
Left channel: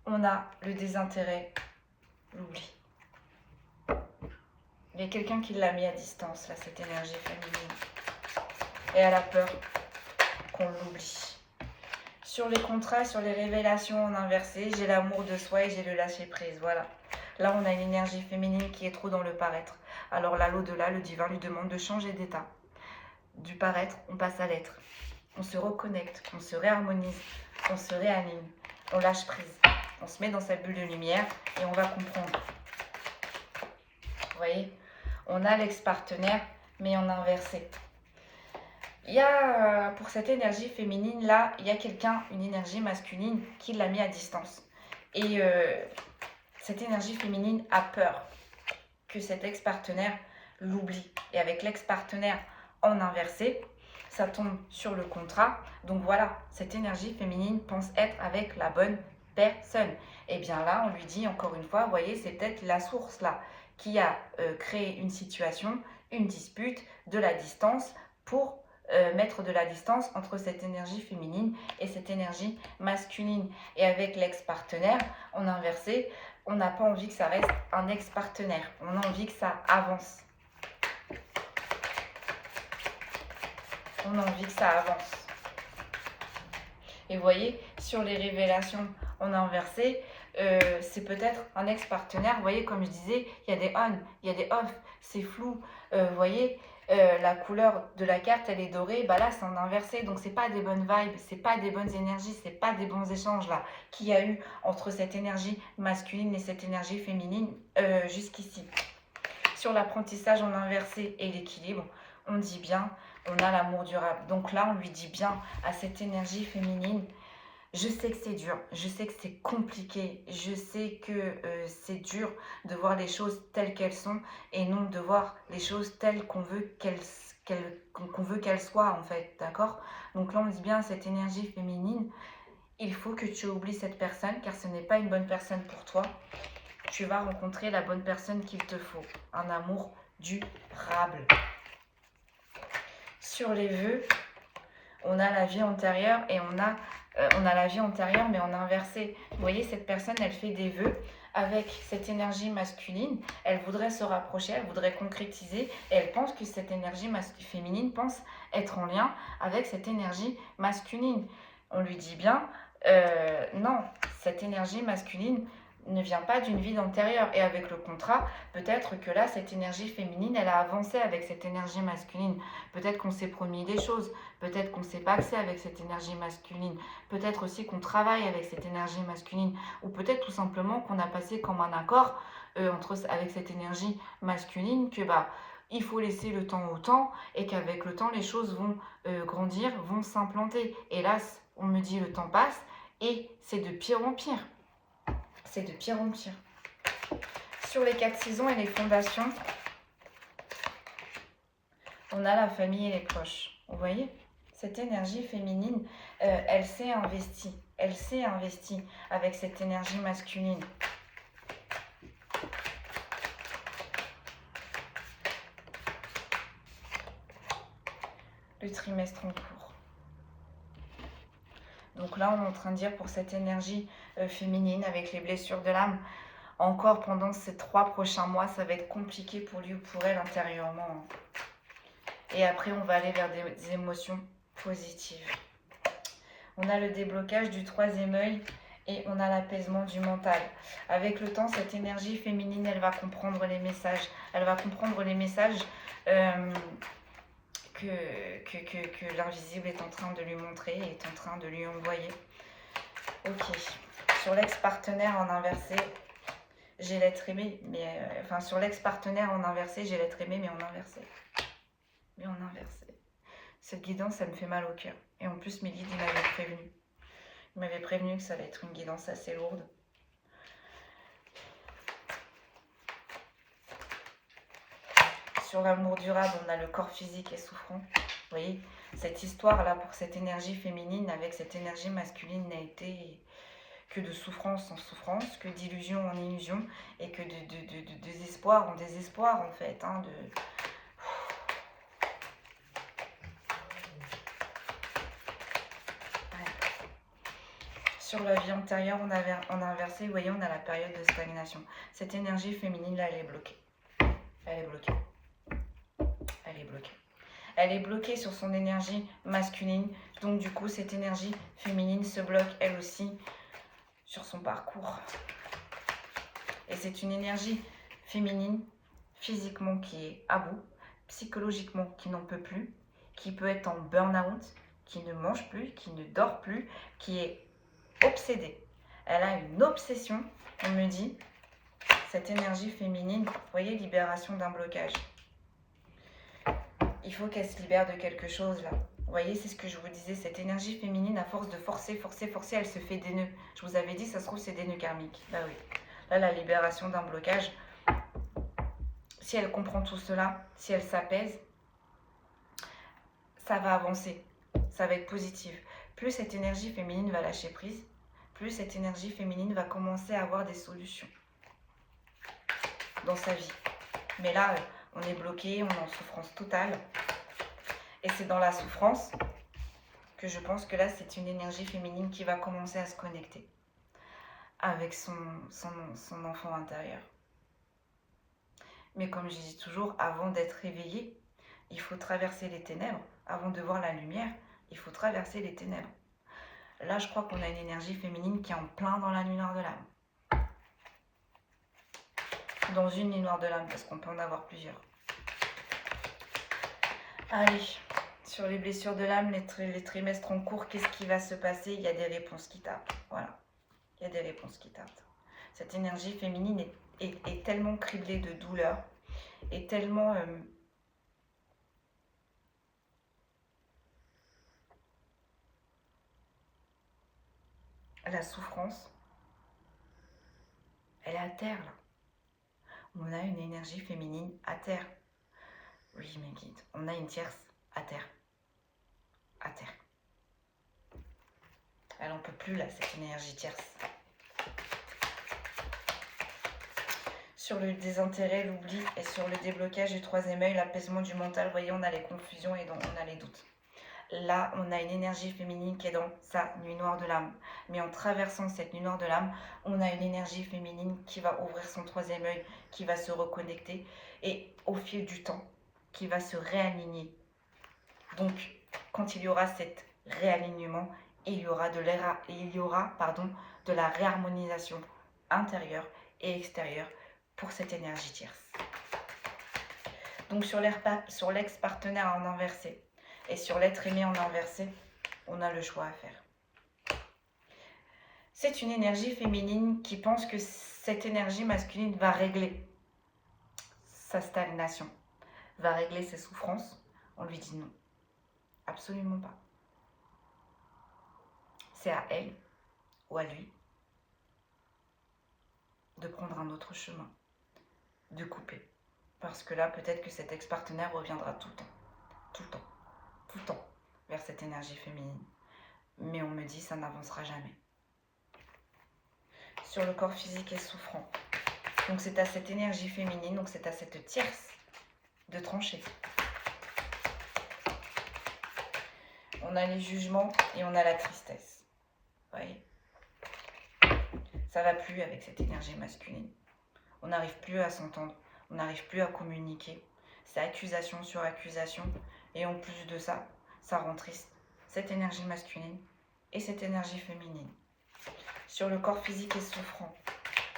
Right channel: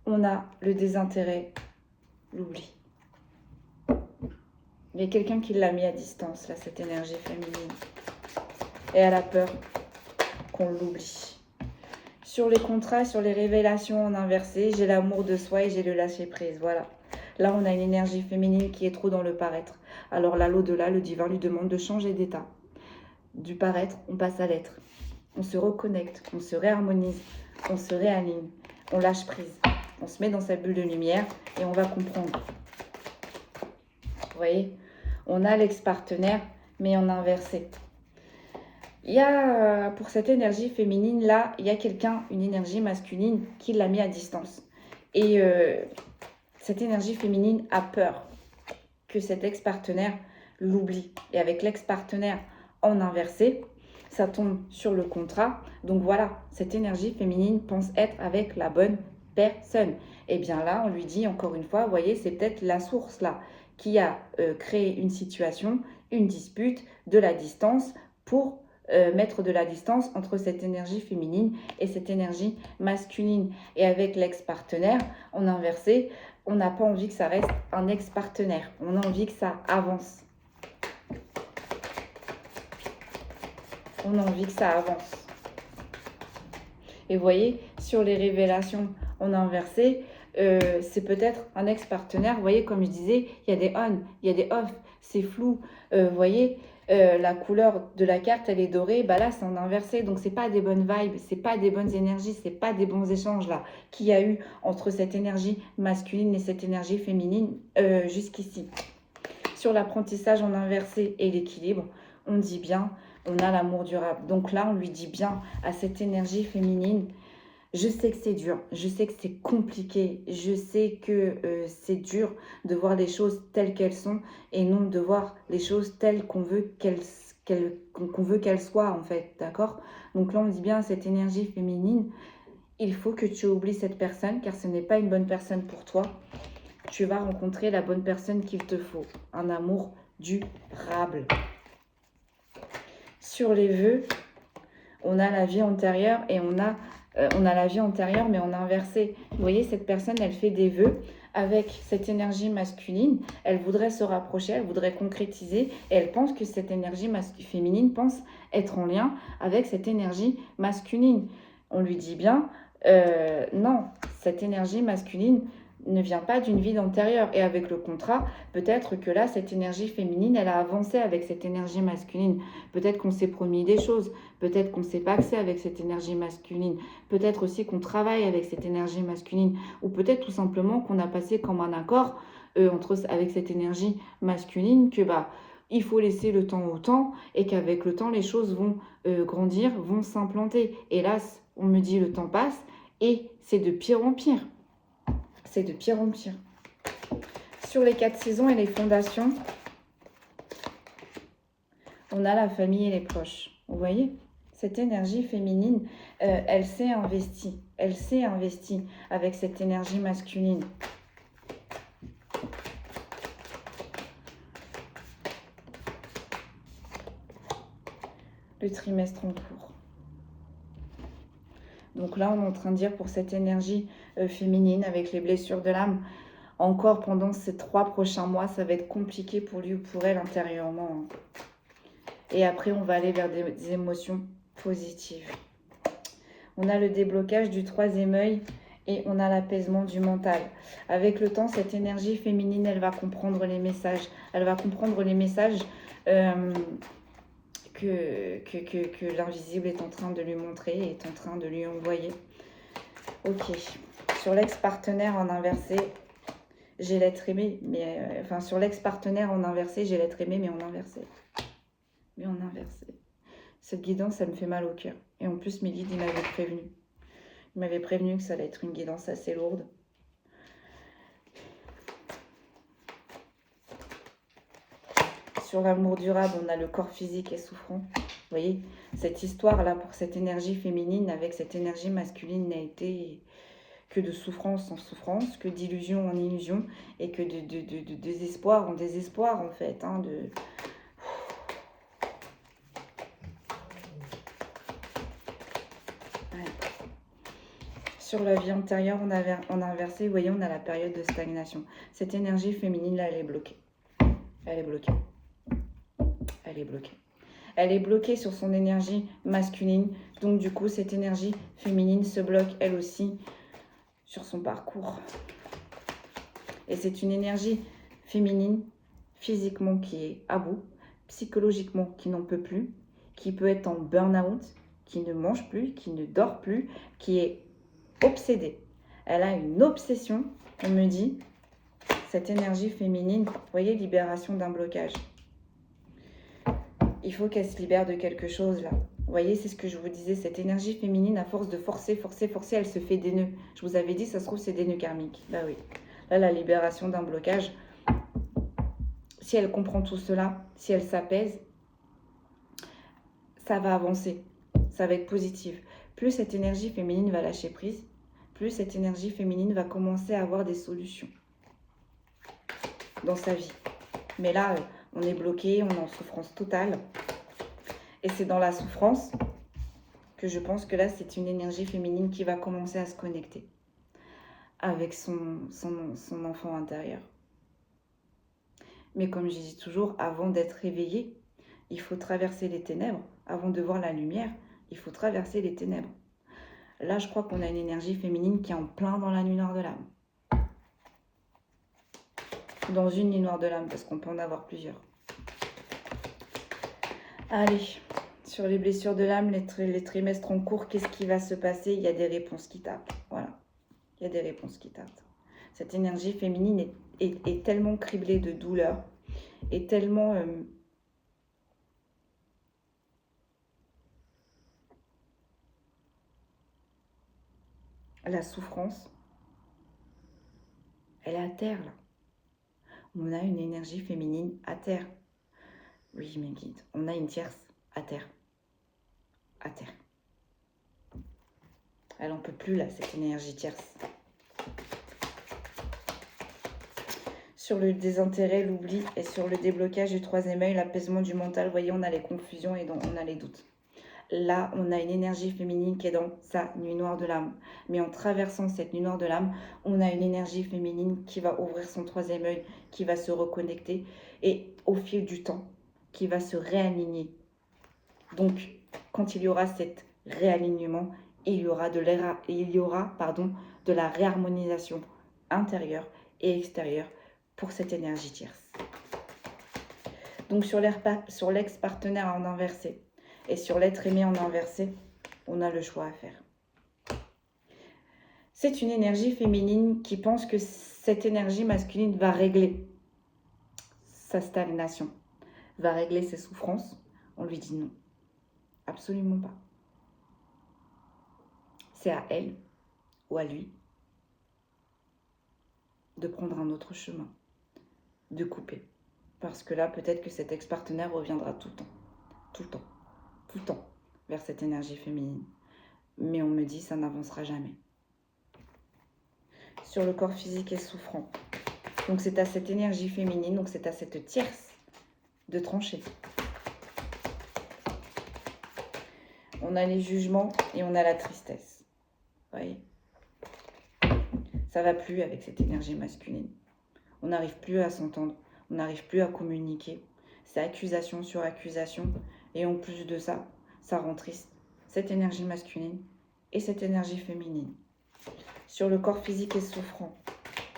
on a le désintérêt, l'oubli. Il y a quelqu'un qui l'a mis à distance, là, cette énergie féminine. Et elle a peur qu'on l'oublie. Sur les contrats, sur les révélations en inversé, j'ai l'amour de soi et j'ai le lâcher-prise, voilà. Là, on a une énergie féminine qui est trop dans le paraître. Alors là, l'au-delà, le divin lui demande de changer d'état. Du paraître, on passe à l'être. On se reconnecte, on se réharmonise, on se réaligne, on lâche prise. On se met dans sa bulle de lumière et on va comprendre. Vous voyez? on a l'ex-partenaire, mais en inversé. Il y a, pour cette énergie féminine, là, il y a quelqu'un, une énergie masculine, qui l'a mis à distance. Et cette énergie féminine a peur que cet ex-partenaire l'oublie. Et avec l'ex-partenaire en inversé, ça tombe sur le contrat. Donc voilà, cette énergie féminine pense être avec la bonne personne. Et bien là, on lui dit encore une fois, vous voyez, c'est peut-être la source là qui a créé une situation, une dispute, de la distance pour mettre de la distance entre cette énergie féminine et cette énergie masculine. Et avec l'ex-partenaire, en inversé, on n'a pas envie que ça reste un ex-partenaire. On a envie que ça avance. On a envie que ça avance. Et vous voyez, sur les révélations en inversé, c'est peut-être un ex-partenaire. Vous voyez, comme je disais, il y a des on, il y a des off, c'est flou. Vous voyez, la couleur de la carte, elle est dorée. Bah là, c'est en inversé. Donc, c'est pas des bonnes vibes, c'est pas des bonnes énergies, c'est pas des bons échanges là qu'il y a eu entre cette énergie masculine et cette énergie féminine jusqu'ici. Sur l'apprentissage en inversé et l'équilibre, on dit bien, on a l'amour durable. Donc là, on lui dit bien à cette énergie féminine, je sais que c'est dur, je sais que c'est compliqué, je sais que c'est dur de voir les choses telles qu'elles sont et non de voir les choses telles qu'on veut qu'elles soient en fait, d'accord? Donc là, on dit bien à cette énergie féminine, il faut que tu oublies cette personne car ce n'est pas une bonne personne pour toi. Tu vas rencontrer la bonne personne qu'il te faut, un amour durable. Sur les vœux, on a la vie antérieure et on a la vie antérieure mais en inversé. Vous voyez, cette personne, elle fait des vœux avec cette énergie masculine. Elle voudrait se rapprocher, elle voudrait concrétiser et elle pense que cette énergie féminine pense être en lien avec cette énergie masculine. On lui dit bien, non, cette énergie masculine ne vient pas d'une vie antérieure. Et avec le contrat, peut-être que là, cette énergie féminine, elle a avancé avec cette énergie masculine. Peut-être qu'on s'est promis des choses. Peut-être qu'on ne s'est pas axé avec cette énergie masculine. Peut-être aussi qu'on travaille avec cette énergie masculine. Ou peut-être tout simplement qu'on a passé comme un accord avec cette énergie masculine que il faut laisser le temps au temps et qu'avec le temps, les choses vont grandir, vont s'implanter. Hélas, on me dit le temps passe et c'est de pire en pire. C'est de pire en pire. Sur les 4 saisons et les fondations, on a la famille et les proches. Vous voyez, cette énergie féminine, elle s'est investie. Elle s'est investie avec cette énergie masculine. Le trimestre en cours. Donc là, on est en train de dire pour cette énergie féminine avec les blessures de l'âme, encore pendant ces 3 prochains mois, ça va être compliqué pour lui ou pour elle intérieurement. Et après, on va aller vers des émotions positives. On a le déblocage du 3e œil et on a l'apaisement du mental. Avec le temps, cette énergie féminine, elle va comprendre les messages. Elle va comprendre les messages que l'invisible est en train de lui montrer, est en train de lui envoyer. Ok. Sur l'ex-partenaire en inversé, j'ai l'être aimé, mais... enfin, sur l'ex-partenaire en inversé, j'ai l'être aimé, mais en inversé. Mais en inversé. Cette guidance, ça me fait mal au cœur. Et en plus, mes guides, ils m'avaient prévenu. Ils m'avaient prévenu que ça allait être une guidance assez lourde. Sur l'amour durable, on a le corps physique et souffrant. Vous voyez, cette histoire-là, pour cette énergie féminine, avec cette énergie masculine, n'a été que de souffrance en souffrance, que d'illusion en illusion, et que de désespoir en désespoir, en fait. Hein, Sur la vie antérieure, on a inversé, vous voyez, on a la période de stagnation. Cette énergie féminine, là, elle est bloquée. Elle est bloquée. Elle est bloquée. Elle est bloquée sur son énergie masculine. Donc, du coup, cette énergie féminine se bloque, elle aussi, sur son parcours. Et c'est une énergie féminine, physiquement, qui est à bout, psychologiquement, qui n'en peut plus, qui peut être en burn-out, qui ne mange plus, qui ne dort plus, qui est obsédée. Elle a une obsession, on me dit, cette énergie féminine, vous voyez, libération d'un blocage. il faut qu'elle se libère de quelque chose là. Vous voyez, c'est ce que je vous disais, cette énergie féminine, à force de forcer, elle se fait des nœuds. Je vous avais dit, ça se trouve, c'est des nœuds karmiques. Bah oui. Là, la libération d'un blocage, si elle comprend tout cela, si elle s'apaise, ça va avancer. Ça va être positif. Plus cette énergie féminine va lâcher prise, plus cette énergie féminine va commencer à avoir des solutions dans sa vie. Mais là, on est bloqué, on est en souffrance totale. Et c'est dans la souffrance que je pense que là, c'est une énergie féminine qui va commencer à se connecter avec son enfant intérieur. Mais comme je dis toujours, avant d'être réveillé, il faut traverser les ténèbres. Avant de voir la lumière, il faut traverser les ténèbres. Là, je crois qu'on a une énergie féminine qui est en plein dans la nuit noire de l'âme. Dans une nuit noire de l'âme, parce qu'on peut en avoir plusieurs. Allez, sur les blessures de l'âme, les trimestres en cours, qu'est-ce qui va se passer? Il y a des réponses qui tapent. Voilà, il y a des réponses qui tapent. Cette énergie féminine est tellement criblée de douleur, est tellement... la souffrance, elle est à terre, là. On a une énergie féminine à terre. Oui, mes guides, on a une tierce à terre. À terre. Elle n'en peut plus, là, cette énergie tierce. Sur le désintérêt, l'oubli, et sur le déblocage du troisième œil, l'apaisement du mental, vous voyez, on a les confusions et on a les doutes. Là, on a une énergie féminine qui est dans sa nuit noire de l'âme. Mais en traversant cette nuit noire de l'âme, on a une énergie féminine qui va ouvrir son troisième œil, qui va se reconnecter et au fil du temps, qui va se réaligner. Donc, quand il y aura cet réalignement, il y aura de la réharmonisation intérieure et extérieure pour cette énergie tierce. Donc, sur l'ex-partenaire en inversé, et sur l'être aimé en inversé, on a le choix à faire. C'est une énergie féminine qui pense que cette énergie masculine va régler sa stagnation, va régler ses souffrances. On lui dit non, absolument pas. C'est à elle ou à lui de prendre un autre chemin, de couper. Parce que là, peut-être que cet ex-partenaire reviendra tout le temps, tout le temps. Tout le temps vers cette énergie féminine. Mais on me dit ça n'avancera jamais. Sur le corps physique et souffrant. Donc c'est à cette énergie féminine, donc c'est à cette tierce de trancher. On a les jugements et on a la tristesse. Vous voyez? Ça va plus avec cette énergie masculine. On n'arrive plus à s'entendre, on n'arrive plus à communiquer. C'est accusation sur accusation. Et en plus de ça, ça rend triste. Cette énergie masculine et cette énergie féminine. Sur le corps physique et souffrant,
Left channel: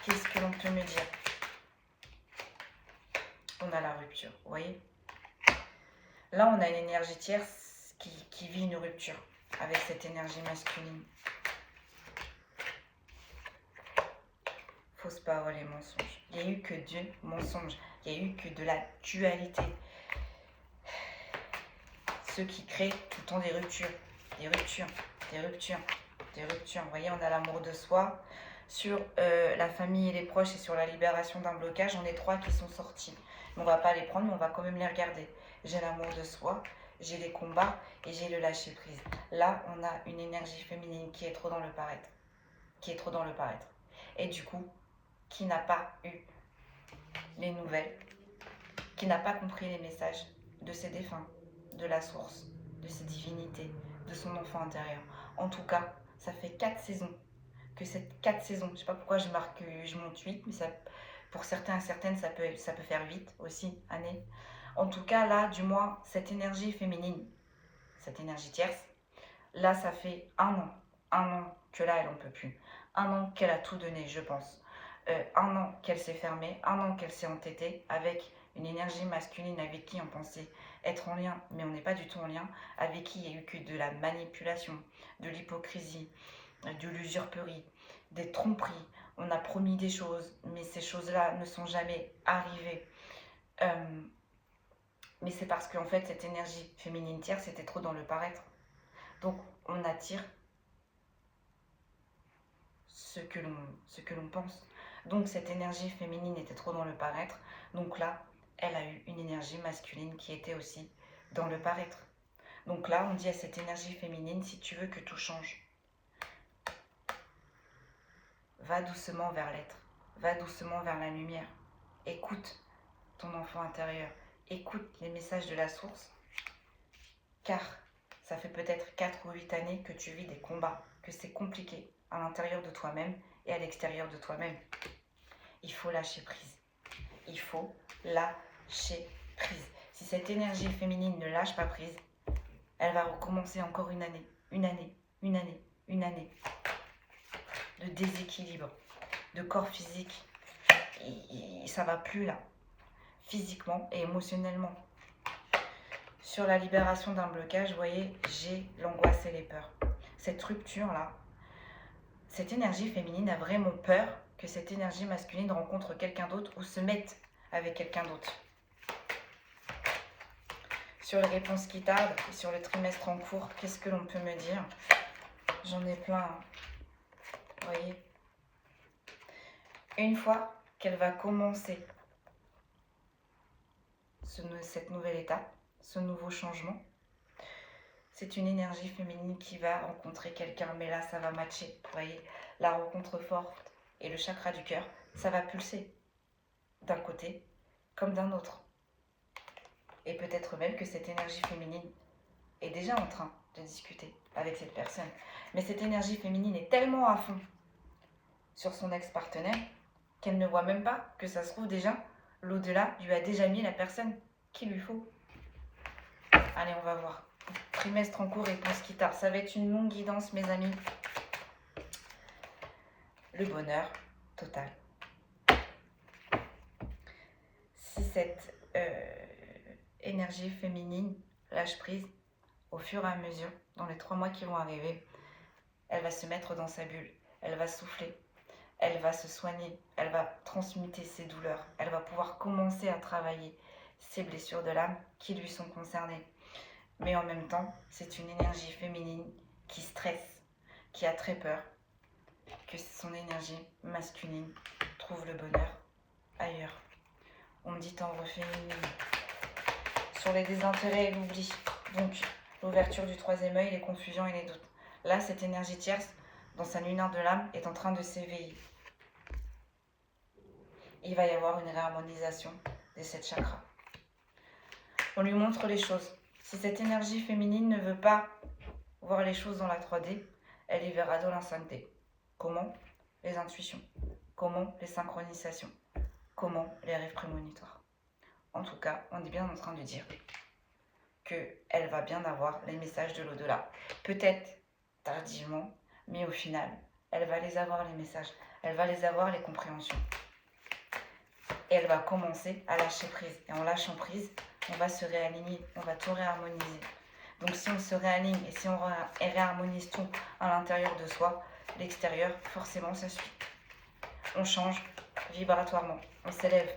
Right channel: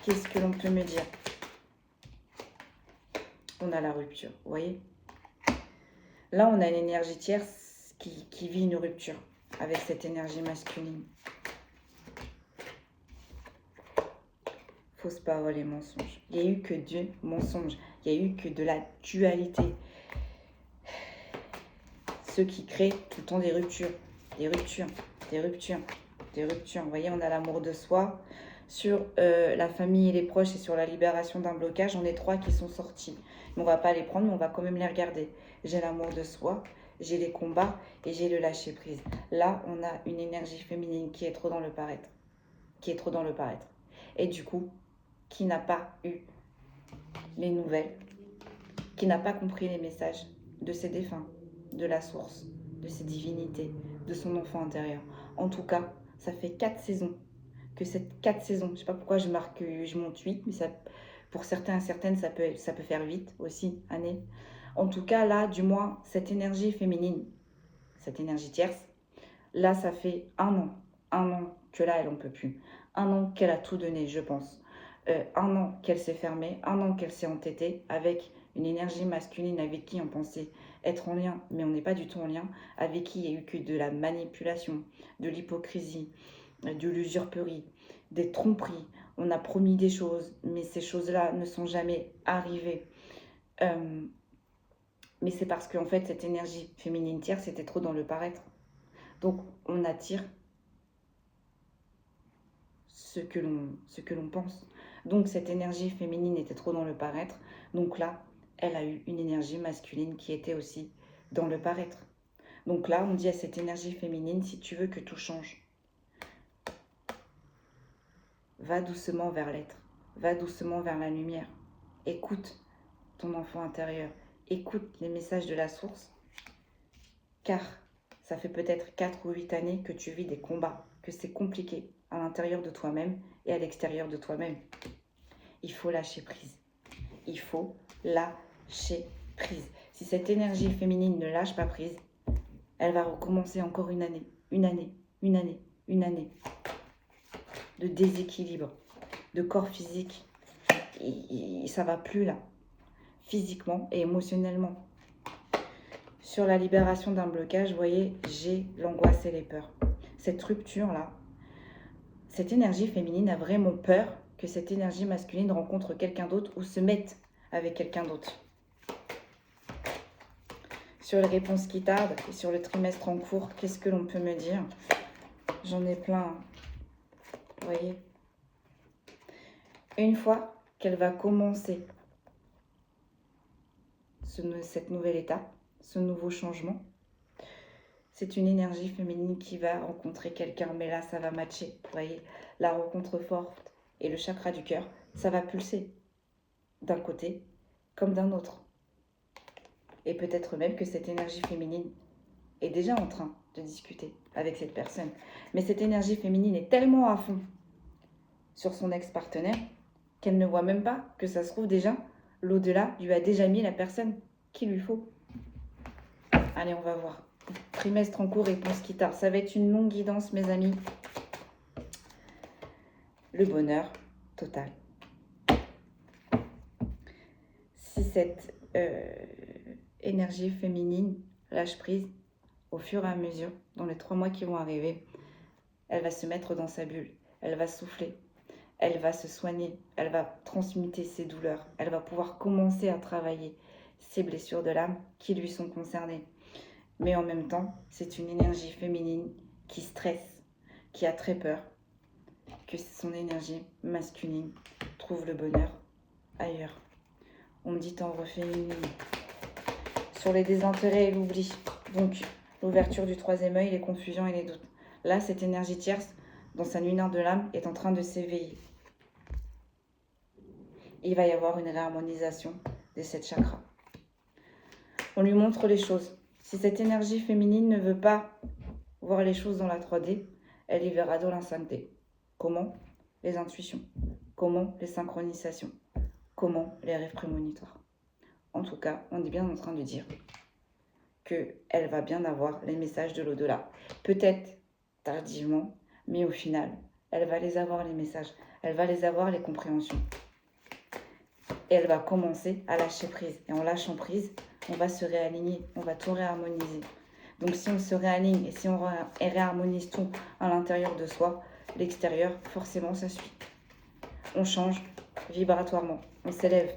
qu'est-ce que l'on peut me dire? On a la rupture, vous voyez? Là, on a une énergie tierce qui vit une rupture avec cette énergie masculine. Fausse parole et mensonge. Il n'y a eu que Dieu, mensonge. Il n'y a eu que de la dualité. Ceux qui créent tout le temps des ruptures, des ruptures, des ruptures, des ruptures. Vous voyez, on a l'amour de soi. Sur la famille et les proches et sur la libération d'un blocage, on est 3 qui sont sortis. On ne va pas les prendre, mais on va quand même les regarder. J'ai l'amour de soi, j'ai les combats et j'ai le lâcher prise. Là, on a une énergie féminine qui est trop dans le paraître. Qui est trop dans le paraître. Et du coup, qui n'a pas eu les nouvelles, qui n'a pas compris les messages de ses défunts, de la source, de ses divinités, de son enfant intérieur. En tout cas, ça fait 4 saisons. Que cette 4 saisons, je ne sais pas pourquoi je monte 8, mais ça, pour certains et certaines, ça peut faire 8 aussi, années. En tout cas, là, du moins, cette énergie féminine, cette énergie tierce, là, ça fait un an que là, elle n'en peut plus. Un an qu'elle a tout donné, je pense. Un an qu'elle s'est fermée, un an qu'elle s'est entêtée avec une énergie masculine avec qui on pensait être en lien, mais on n'est pas du tout en lien, avec qui il n'y a eu que de la manipulation, de l'hypocrisie, de l'usurperie, des tromperies. On a promis des choses, mais ces choses-là ne sont jamais arrivées. Mais c'est parce qu'en fait, cette énergie féminine tierce était trop dans le paraître. Donc, on attire ce que l'on pense. Donc, cette énergie féminine était trop dans le paraître. Donc là, elle a eu une énergie masculine qui était aussi dans le paraître. Donc là, on dit à cette énergie féminine, si tu veux que tout change, va doucement vers l'être, va doucement vers la lumière. Écoute ton enfant intérieur, écoute les messages de la source, car ça fait peut-être 4 ou 8 années que tu vis des combats, que c'est compliqué à l'intérieur de toi-même et à l'extérieur de toi-même. Il faut lâcher prise. Il faut lâcher prise. Si cette énergie féminine ne lâche pas prise, elle va recommencer encore une année de déséquilibre, de corps physique. Et ça va plus là, physiquement et émotionnellement. Sur la libération d'un blocage, vous voyez, j'ai l'angoisse et les peurs. Cette rupture-là, cette énergie féminine a vraiment peur que cette énergie masculine rencontre quelqu'un d'autre ou se mette avec quelqu'un d'autre. Sur les réponses qui tardent et sur le trimestre en cours, qu'est-ce que l'on peut me dire? J'en ai plein, hein. Vous voyez? Une fois qu'elle va commencer cette nouvelle étape, ce nouveau changement, c'est une énergie féminine qui va rencontrer quelqu'un, mais là, ça va matcher. Vous voyez, la rencontre forte et le chakra du cœur, ça va pulser d'un côté comme d'un autre. Et peut-être même que cette énergie féminine est déjà en train de discuter avec cette personne. Mais cette énergie féminine est tellement à fond sur son ex-partenaire qu'elle ne voit même pas que ça se trouve déjà, l'au-delà lui a déjà mis la personne qu'il lui faut. Allez, on va voir. Trimestre en cours, réponse qui tarde. Ça va être une longue guidance, mes amis. Le bonheur total. Si cette énergie féminine lâche prise, au fur et à mesure, dans les 3 mois qui vont arriver, elle va se mettre dans sa bulle, elle va souffler, elle va se soigner, elle va transmuter ses douleurs, elle va pouvoir commencer à travailler ses blessures de l'âme qui lui sont concernées. Mais en même temps, c'est une énergie féminine qui stresse, qui a très peur que son énergie masculine trouve le bonheur ailleurs. On dit t'en refais une ligne. Sur les désintérêts et l'oubli, donc l'ouverture du 3e œil, les confusions et les doutes. Là, cette énergie tierce, dans sa lunaire de l'âme, est en train de s'éveiller. Il va y avoir une réharmonisation de cette chakra. On lui montre les choses. Si cette énergie féminine ne veut pas voir les choses dans la 3D, elle les verra dans la 5D. Comment? Les intuitions. Comment? Les synchronisations. Comment? Les rêves prémonitoires. En tout cas, on est bien en train de dire qu'elle va bien avoir les messages de l'au-delà. Peut-être tardivement, mais au final, elle va les avoir les messages. Elle va les avoir les compréhensions. Et elle va commencer à lâcher prise. Et en lâchant prise, on va se réaligner, on va tout réharmoniser. Donc si on se réaligne et si on réharmonise tout à l'intérieur de soi, l'extérieur, forcément, ça suit. On change vibratoirement, on s'élève.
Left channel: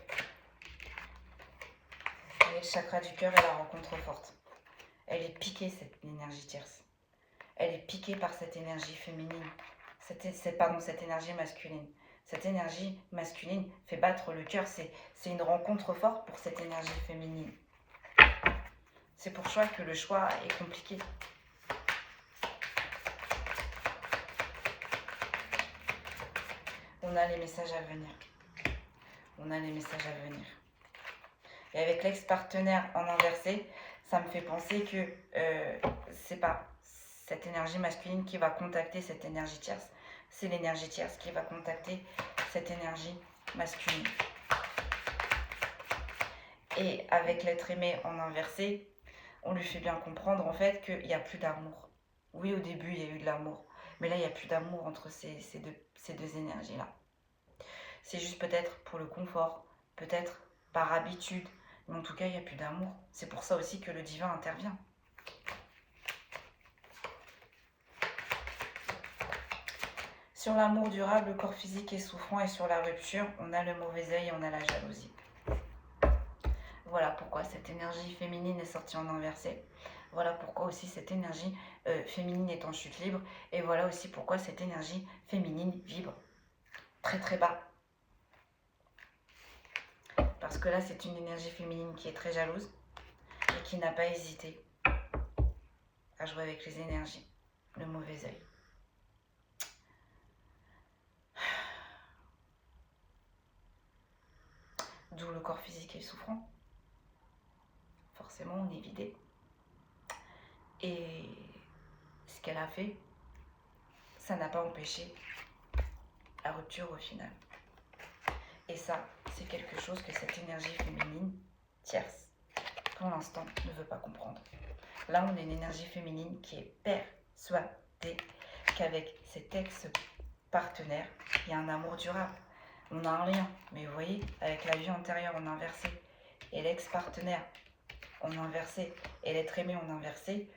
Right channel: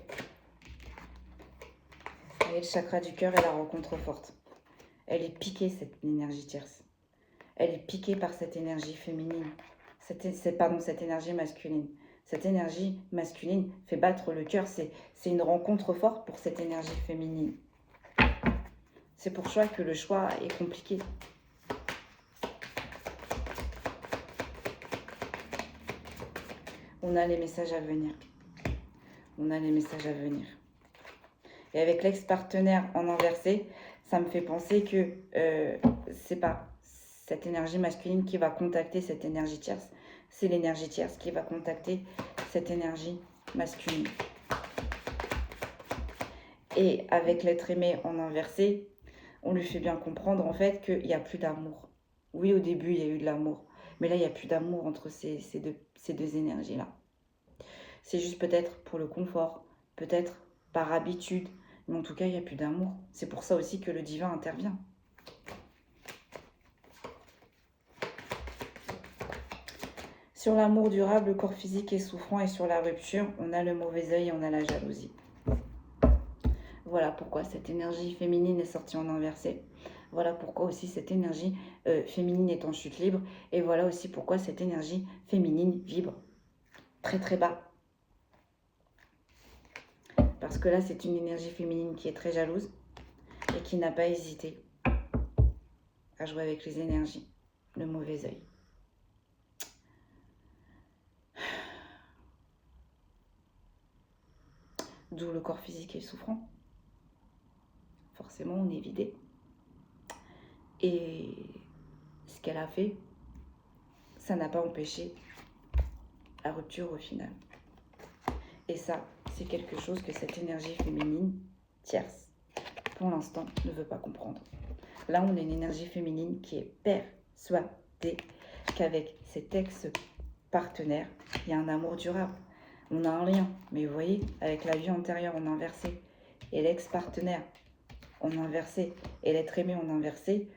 Et le chakra du cœur est la rencontre forte. Elle est piquée, cette énergie tierce. Elle est piquée par cette énergie féminine. Cette énergie masculine. Cette énergie masculine fait battre le cœur. C'est une rencontre forte pour cette énergie féminine. C'est pour ça que le choix est compliqué. On a les messages à venir. On a les messages à venir. Et avec l'ex-partenaire en inversé, ça me fait penser que c'est pas cette énergie masculine qui va contacter cette énergie tierce. C'est l'énergie tierce qui va contacter cette énergie masculine. Et avec l'être aimé en inversé, on lui fait bien comprendre en fait qu'il n'y a plus d'amour. Oui, au début, il y a eu de l'amour. Mais là, il n'y a plus d'amour entre ces deux énergies-là. C'est juste peut-être pour le confort, peut-être par habitude. Mais en tout cas, il n'y a plus d'amour. C'est pour ça aussi que le divin intervient. Sur l'amour durable, le corps physique est souffrant et sur la rupture, on a le mauvais œil, on a la jalousie. Voilà pourquoi cette énergie féminine est sortie en inversé. Voilà pourquoi aussi cette énergie féminine est en chute libre. Et voilà aussi pourquoi cette énergie féminine vibre très très bas. Parce que là, c'est une énergie féminine qui est très jalouse et qui n'a pas hésité à jouer avec les énergies, le mauvais œil. D'où le corps physique est souffrant. Forcément, on est vidé. Et ce qu'elle a fait, ça n'a pas empêché la rupture au final. Et ça, c'est quelque chose que cette énergie féminine tierce, pour l'instant, ne veut pas comprendre. Là, on a une énergie féminine qui est persuadée qu'avec cet ex-partenaire, il y a un amour durable. On a un lien, mais vous voyez, avec la vie antérieure, on a inversé. Et l'ex-partenaire, on a inversé. Et l'être aimé, on a inversé.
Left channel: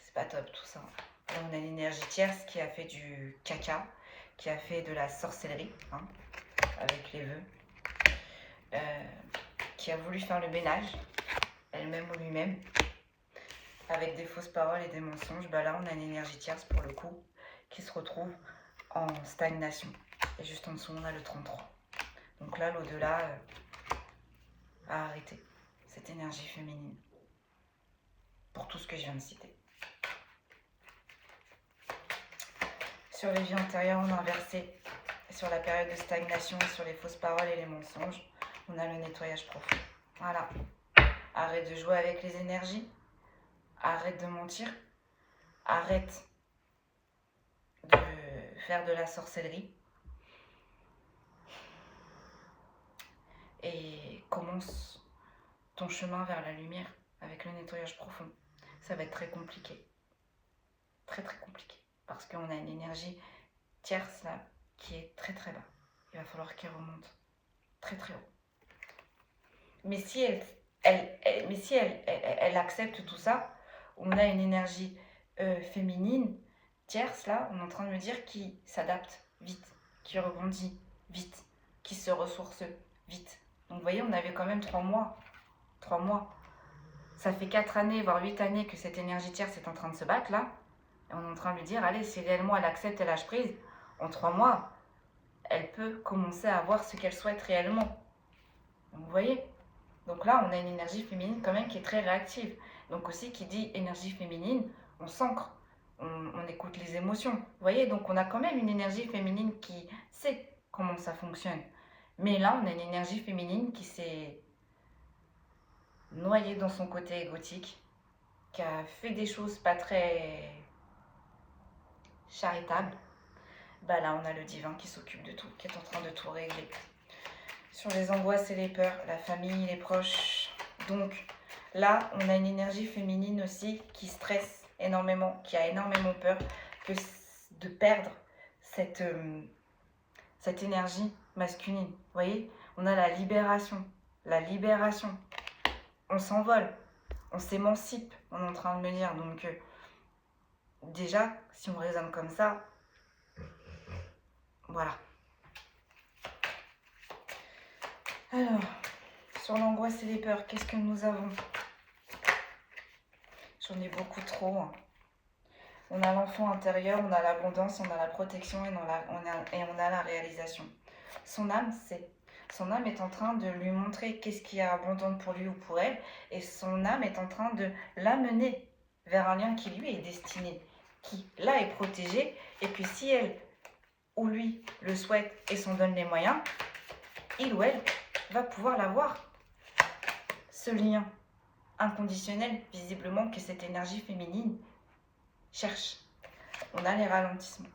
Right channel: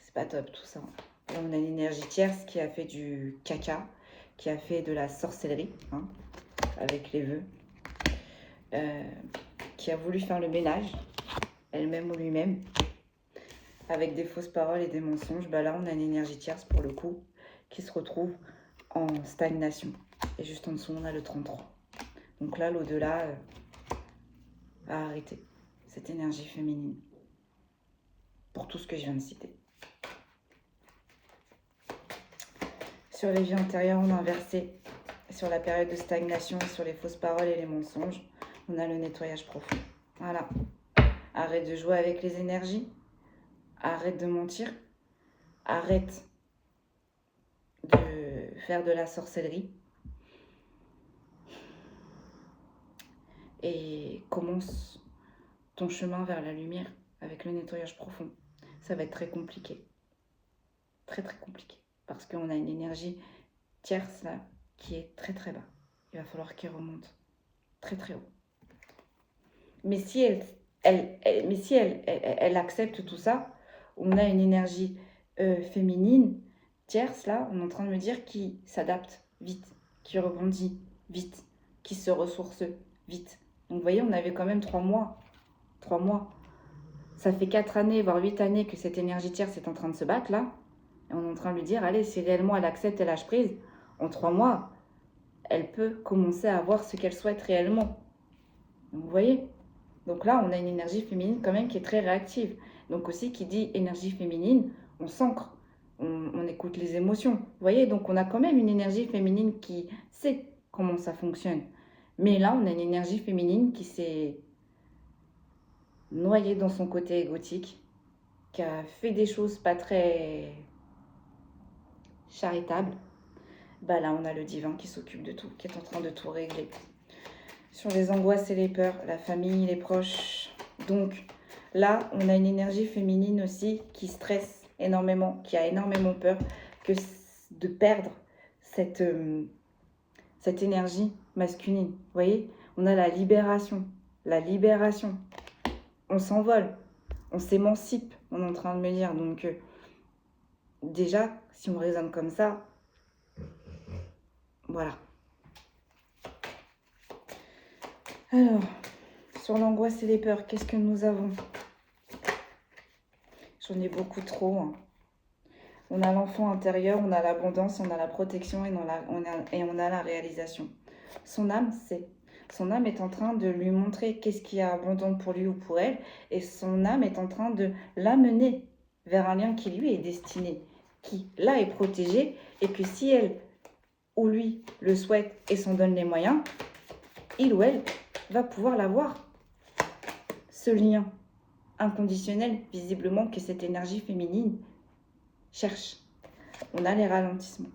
C'est pas top tout ça. Là, on a une énergie tierce qui a fait du caca, qui a fait de la sorcellerie, hein, avec les vœux, qui a voulu faire le ménage, elle-même ou lui-même, avec des fausses paroles et des mensonges. Bah là, on a une énergie tierce pour le coup, qui se retrouve en stagnation. Et juste en dessous, on a le 33. Donc là, l'au-delà a arrêté cette énergie féminine. Pour tout ce que je viens de citer. Sur les vies antérieures, on a inversé. Sur la période de stagnation, sur les fausses paroles et les mensonges, on a le nettoyage profond. Voilà. Arrête de jouer avec les énergies. Arrête de mentir. Arrête de faire de la sorcellerie. Et commence ton chemin vers la lumière avec le nettoyage profond. Ça va être très compliqué. Très très compliqué. Parce qu'on a une énergie tierce là qui est très très bas. Il va falloir qu'elle remonte très très haut. Mais si elle accepte tout ça, on a une énergie féminine tierce là, on est en train de me dire qui s'adapte vite, qui rebondit vite, qui se ressource vite. Donc vous voyez, on avait quand même 3 mois. 3 mois. Ça fait 4 années, voire 8 années que cette énergie tierce est en train de se battre là. Et on est en train de lui dire, allez, si réellement elle accepte et lâche prise, en 3 mois, elle peut commencer à avoir ce qu'elle souhaite réellement. Donc, vous voyez? Donc là, on a une énergie féminine quand même qui est très réactive. Donc aussi, qui dit énergie féminine, on s'ancre, on écoute les émotions. Vous voyez? Donc on a quand même une énergie féminine qui sait comment ça fonctionne. Mais là, on a une énergie féminine qui s'est noyée dans son côté égotique, qui a fait des choses pas très charitables. Bah là, on a le divin qui s'occupe de tout, qui est en train de tout régler. Sur les angoisses et les peurs, la famille, les proches. Donc là, on a une énergie féminine aussi qui stresse énormément, qui a énormément peur que de perdre cette énergie masculine. Vous voyez, on a la libération. La libération. On s'envole. On s'émancipe, on est en train de me dire. Donc déjà, si on raisonne comme ça, voilà. Alors, sur l'angoisse et les peurs, qu'est-ce que nous avons? J'en ai beaucoup trop. Hein. On a l'enfant intérieur, on a l'abondance, on a la protection et on a la réalisation. Son âme sait. Son âme est en train de lui montrer qu'est-ce qui est abondant pour lui ou pour elle. Et son âme est en train de l'amener vers un lien qui lui est destiné. Qui, là, est protégé. Et que si elle ou lui le souhaite et s'en donne les moyens, il ou elle va pouvoir l'avoir. Ce lien inconditionnel, visiblement, que cette énergie féminine cherche. On a les ralentissements.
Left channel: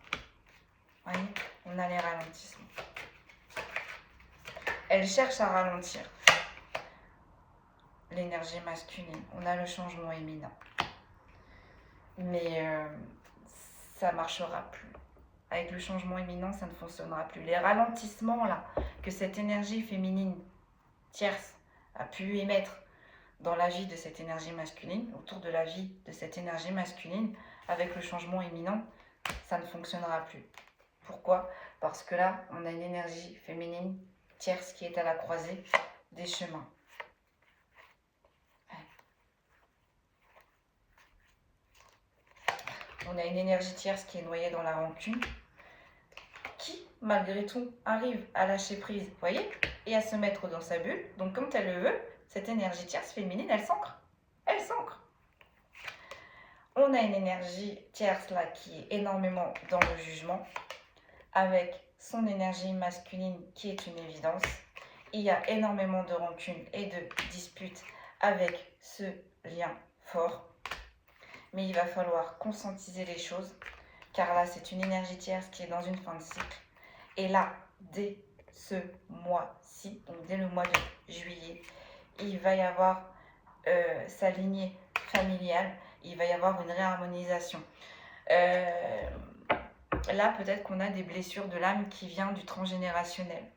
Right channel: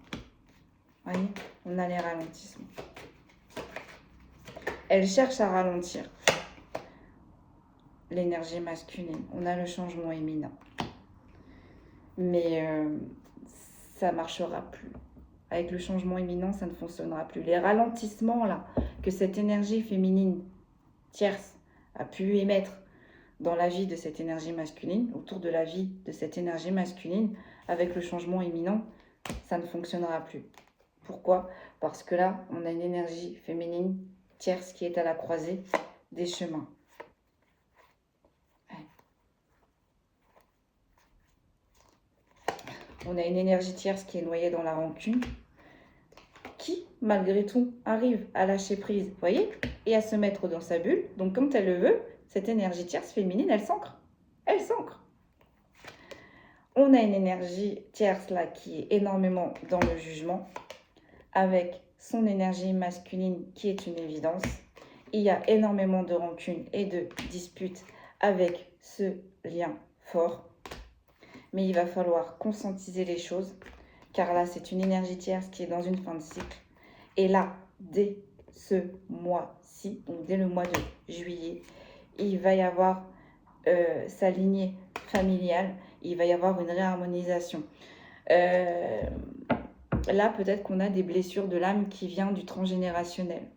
Voyez, on a les ralentissements. Elle cherche à ralentir l'énergie masculine. On a le changement imminent. Mais ça ne marchera plus. Avec le changement imminent, ça ne fonctionnera plus. Les ralentissements là que cette énergie féminine tierce a pu émettre dans la vie de cette énergie masculine, autour de la vie de cette énergie masculine, avec le changement imminent, ça ne fonctionnera plus. Pourquoi? Parce que là, on a une énergie féminine tierce qui est à la croisée des chemins. On a une énergie tierce qui est noyée dans la rancune, qui, malgré tout, arrive à lâcher prise, vous voyez, et à se mettre dans sa bulle. Donc, quand elle le veut, cette énergie tierce féminine, elle s'ancre. Elle s'ancre. On a une énergie tierce là qui est énormément dans le jugement, avec son énergie masculine qui est une évidence. Il y a énormément de rancune et de disputes avec ce lien fort. Mais il va falloir conscientiser les choses, car là, c'est une énergie tierce qui est dans une fin de cycle. Et là, dès ce mois-ci, donc dès le mois de juillet, il va y avoir sa lignée familiale, il va y avoir une réharmonisation. Là, peut-être qu'on a des blessures de l'âme qui viennent du transgénérationnel.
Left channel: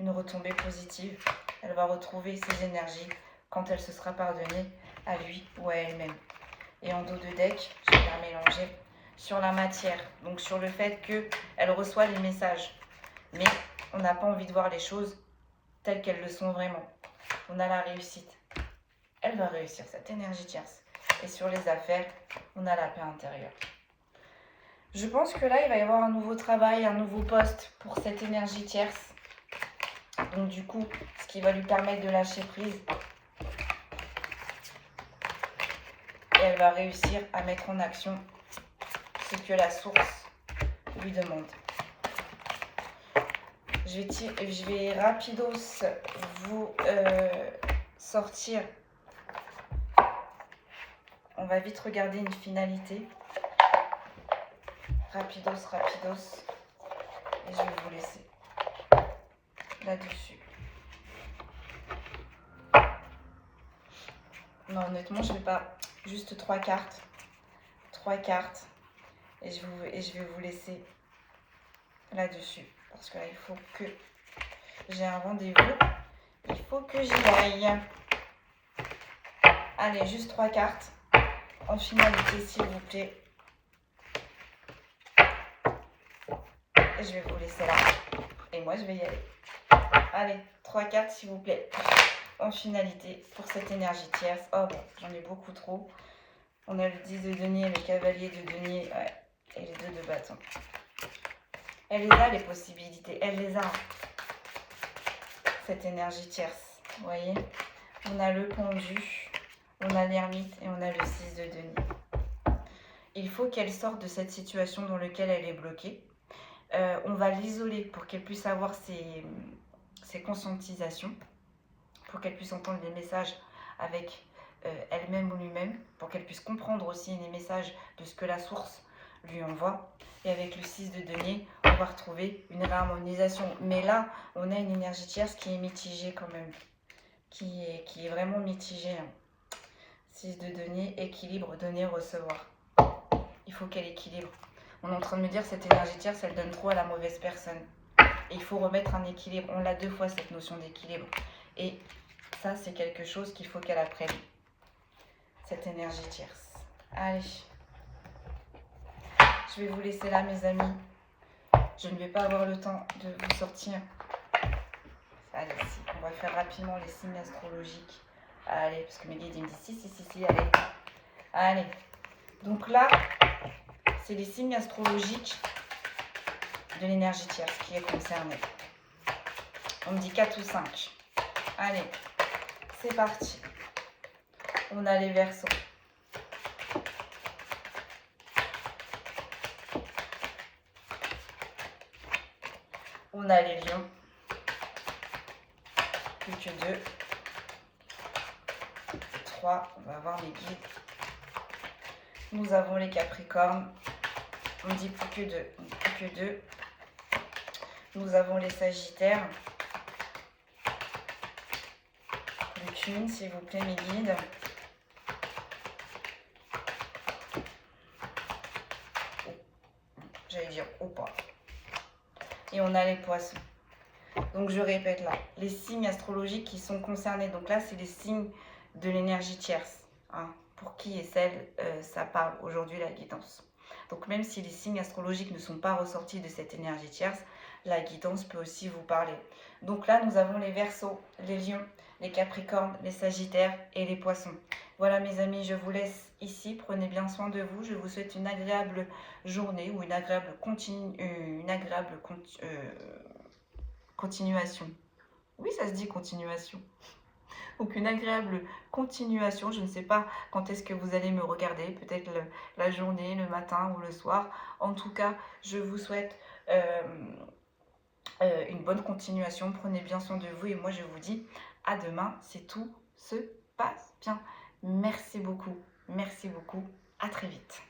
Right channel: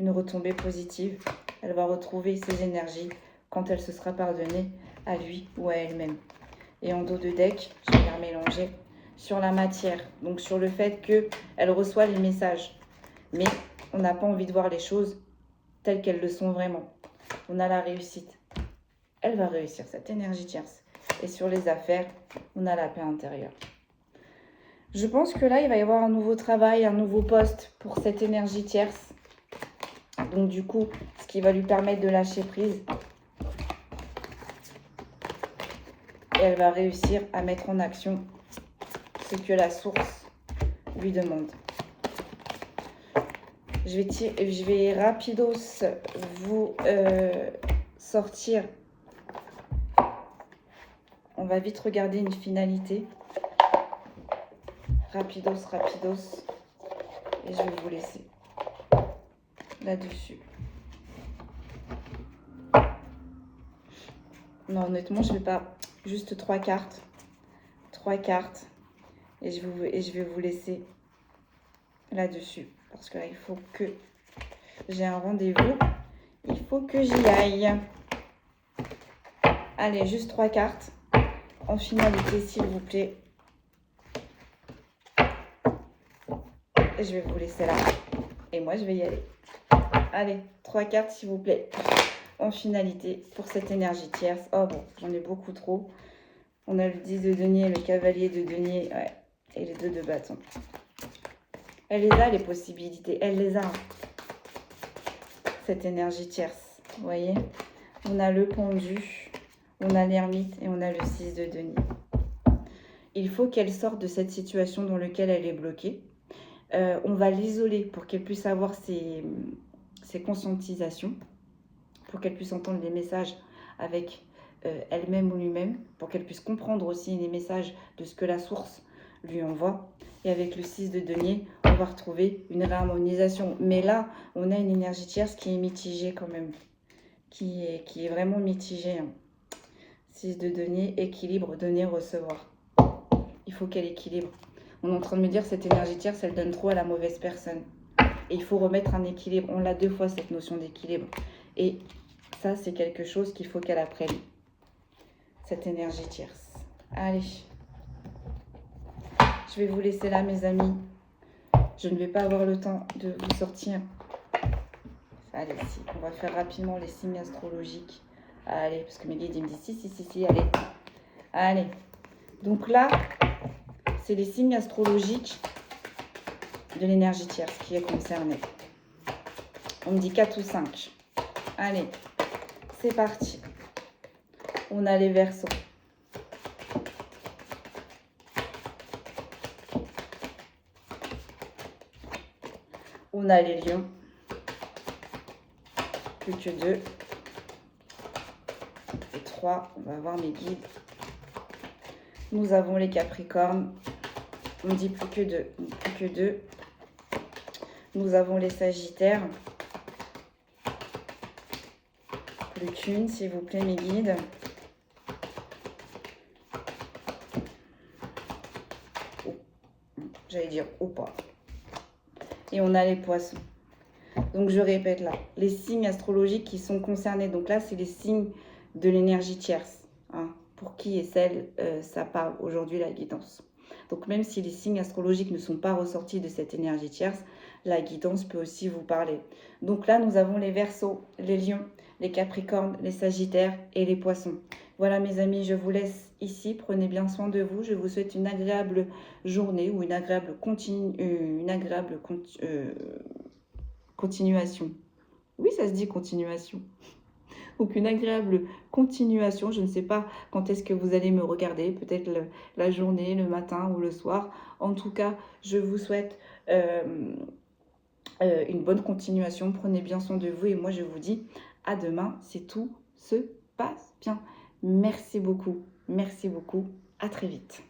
Une retombée positive, elle va retrouver ses énergies quand elle se sera pardonnée à lui ou à elle-même. Et en dos de deck, je vais mélanger sur la matière, donc sur le fait qu'elle reçoit les messages. Mais on n'a pas envie de voir les choses telles qu'elles le sont vraiment. On a la réussite. Elle va réussir, cette énergie tierce. Et sur les affaires, on a la paix intérieure. Je pense que là, il va y avoir un nouveau travail, un nouveau poste pour cette énergie tierce. Donc du coup, ce qui va lui permettre de lâcher prise. Et elle va réussir à mettre en action ce que la source lui demande. Je vais rapidos vous sortir. On va vite regarder une finalité. Rapidos. Et je vais vous laisser là-dessus. Non, honnêtement, je ne vais pas... Juste 3 cartes. 3 cartes. Et je vais vous laisser là-dessus. Parce que là, il faut que j'ai un rendez-vous. Il faut que j'y aille. Allez, juste 3 cartes. En finalité, s'il vous plaît. Et je vais vous laisser là. Et moi, je vais y aller. Allez, 3 cartes, s'il vous plaît. En finalité, pour cette énergie tierce. Oh bon, j'en ai beaucoup trop. On a le 10 de denier, le cavalier de denier, ouais, et les 2 de bâton. Elle les a, les possibilités. Elle les a. Cette énergie tierce. Vous voyez? On a le pendu, on a l'ermite et on a le 6 de denier. Il faut qu'elle sorte de cette situation dans laquelle elle est bloquée. On va l'isoler pour qu'elle puisse avoir ses conscientisations, pour qu'elle puisse entendre les messages avec elle-même ou lui-même, pour qu'elle puisse comprendre aussi les messages de ce que la source lui envoie. Et avec le 6 de denier, on va retrouver une réharmonisation. Mais là, on a une énergie tierce qui est mitigée quand même, qui est vraiment mitigée. 6 de denier, équilibre, donner, recevoir. Il faut qu'elle équilibre. On est en train de me dire cette énergie tierce, elle donne trop à la mauvaise personne. Et il faut remettre un équilibre. On l'a 2 fois cette notion d'équilibre. Et ça, c'est quelque chose qu'il faut qu'elle apprenne. Cette énergie tierce. Allez. Je vais vous laisser là, mes amis. Je ne vais pas avoir le temps de vous sortir. Allez, si. On va faire rapidement les signes astrologiques. Allez, parce que mes guides, ils me disent si, allez. Allez. Donc là, c'est les signes astrologiques de l'énergie tierce qui est concernée. On me dit 4 ou 5. Allez, c'est parti. On a les Verseaux. On a les Lions. Plus que 2. Et 3. On va voir mes guides. Nous avons les Capricornes. On me dit plus que 2. Plus que 2. Nous avons les Sagittaires. Plus qu'une, s'il vous plaît, mes guides. J'allais dire ou pas. Et on a les Poissons. Donc je répète là, les signes astrologiques qui sont concernés. Donc là, c'est les signes de l'énergie tierce. Hein, pour qui et celle, ça parle aujourd'hui la guidance. Donc même si les signes astrologiques ne sont pas ressortis de cette énergie tierce, la guidance peut aussi vous parler. Donc là, nous avons les Verseaux, les Lions, les Capricornes, les Sagittaires et les Poissons. Voilà mes amis, je vous laisse ici. Prenez bien soin de vous. Je vous souhaite une agréable journée ou une agréable, continuation. Oui, ça se dit continuation. Donc une agréable continuation. Je ne sais pas quand est-ce que vous allez me regarder, peut-être la journée, le matin ou le soir. En tout cas, je vous souhaite une bonne continuation. Prenez bien soin de vous et moi je vous dis à demain si tout se passe bien. Merci beaucoup, à très vite.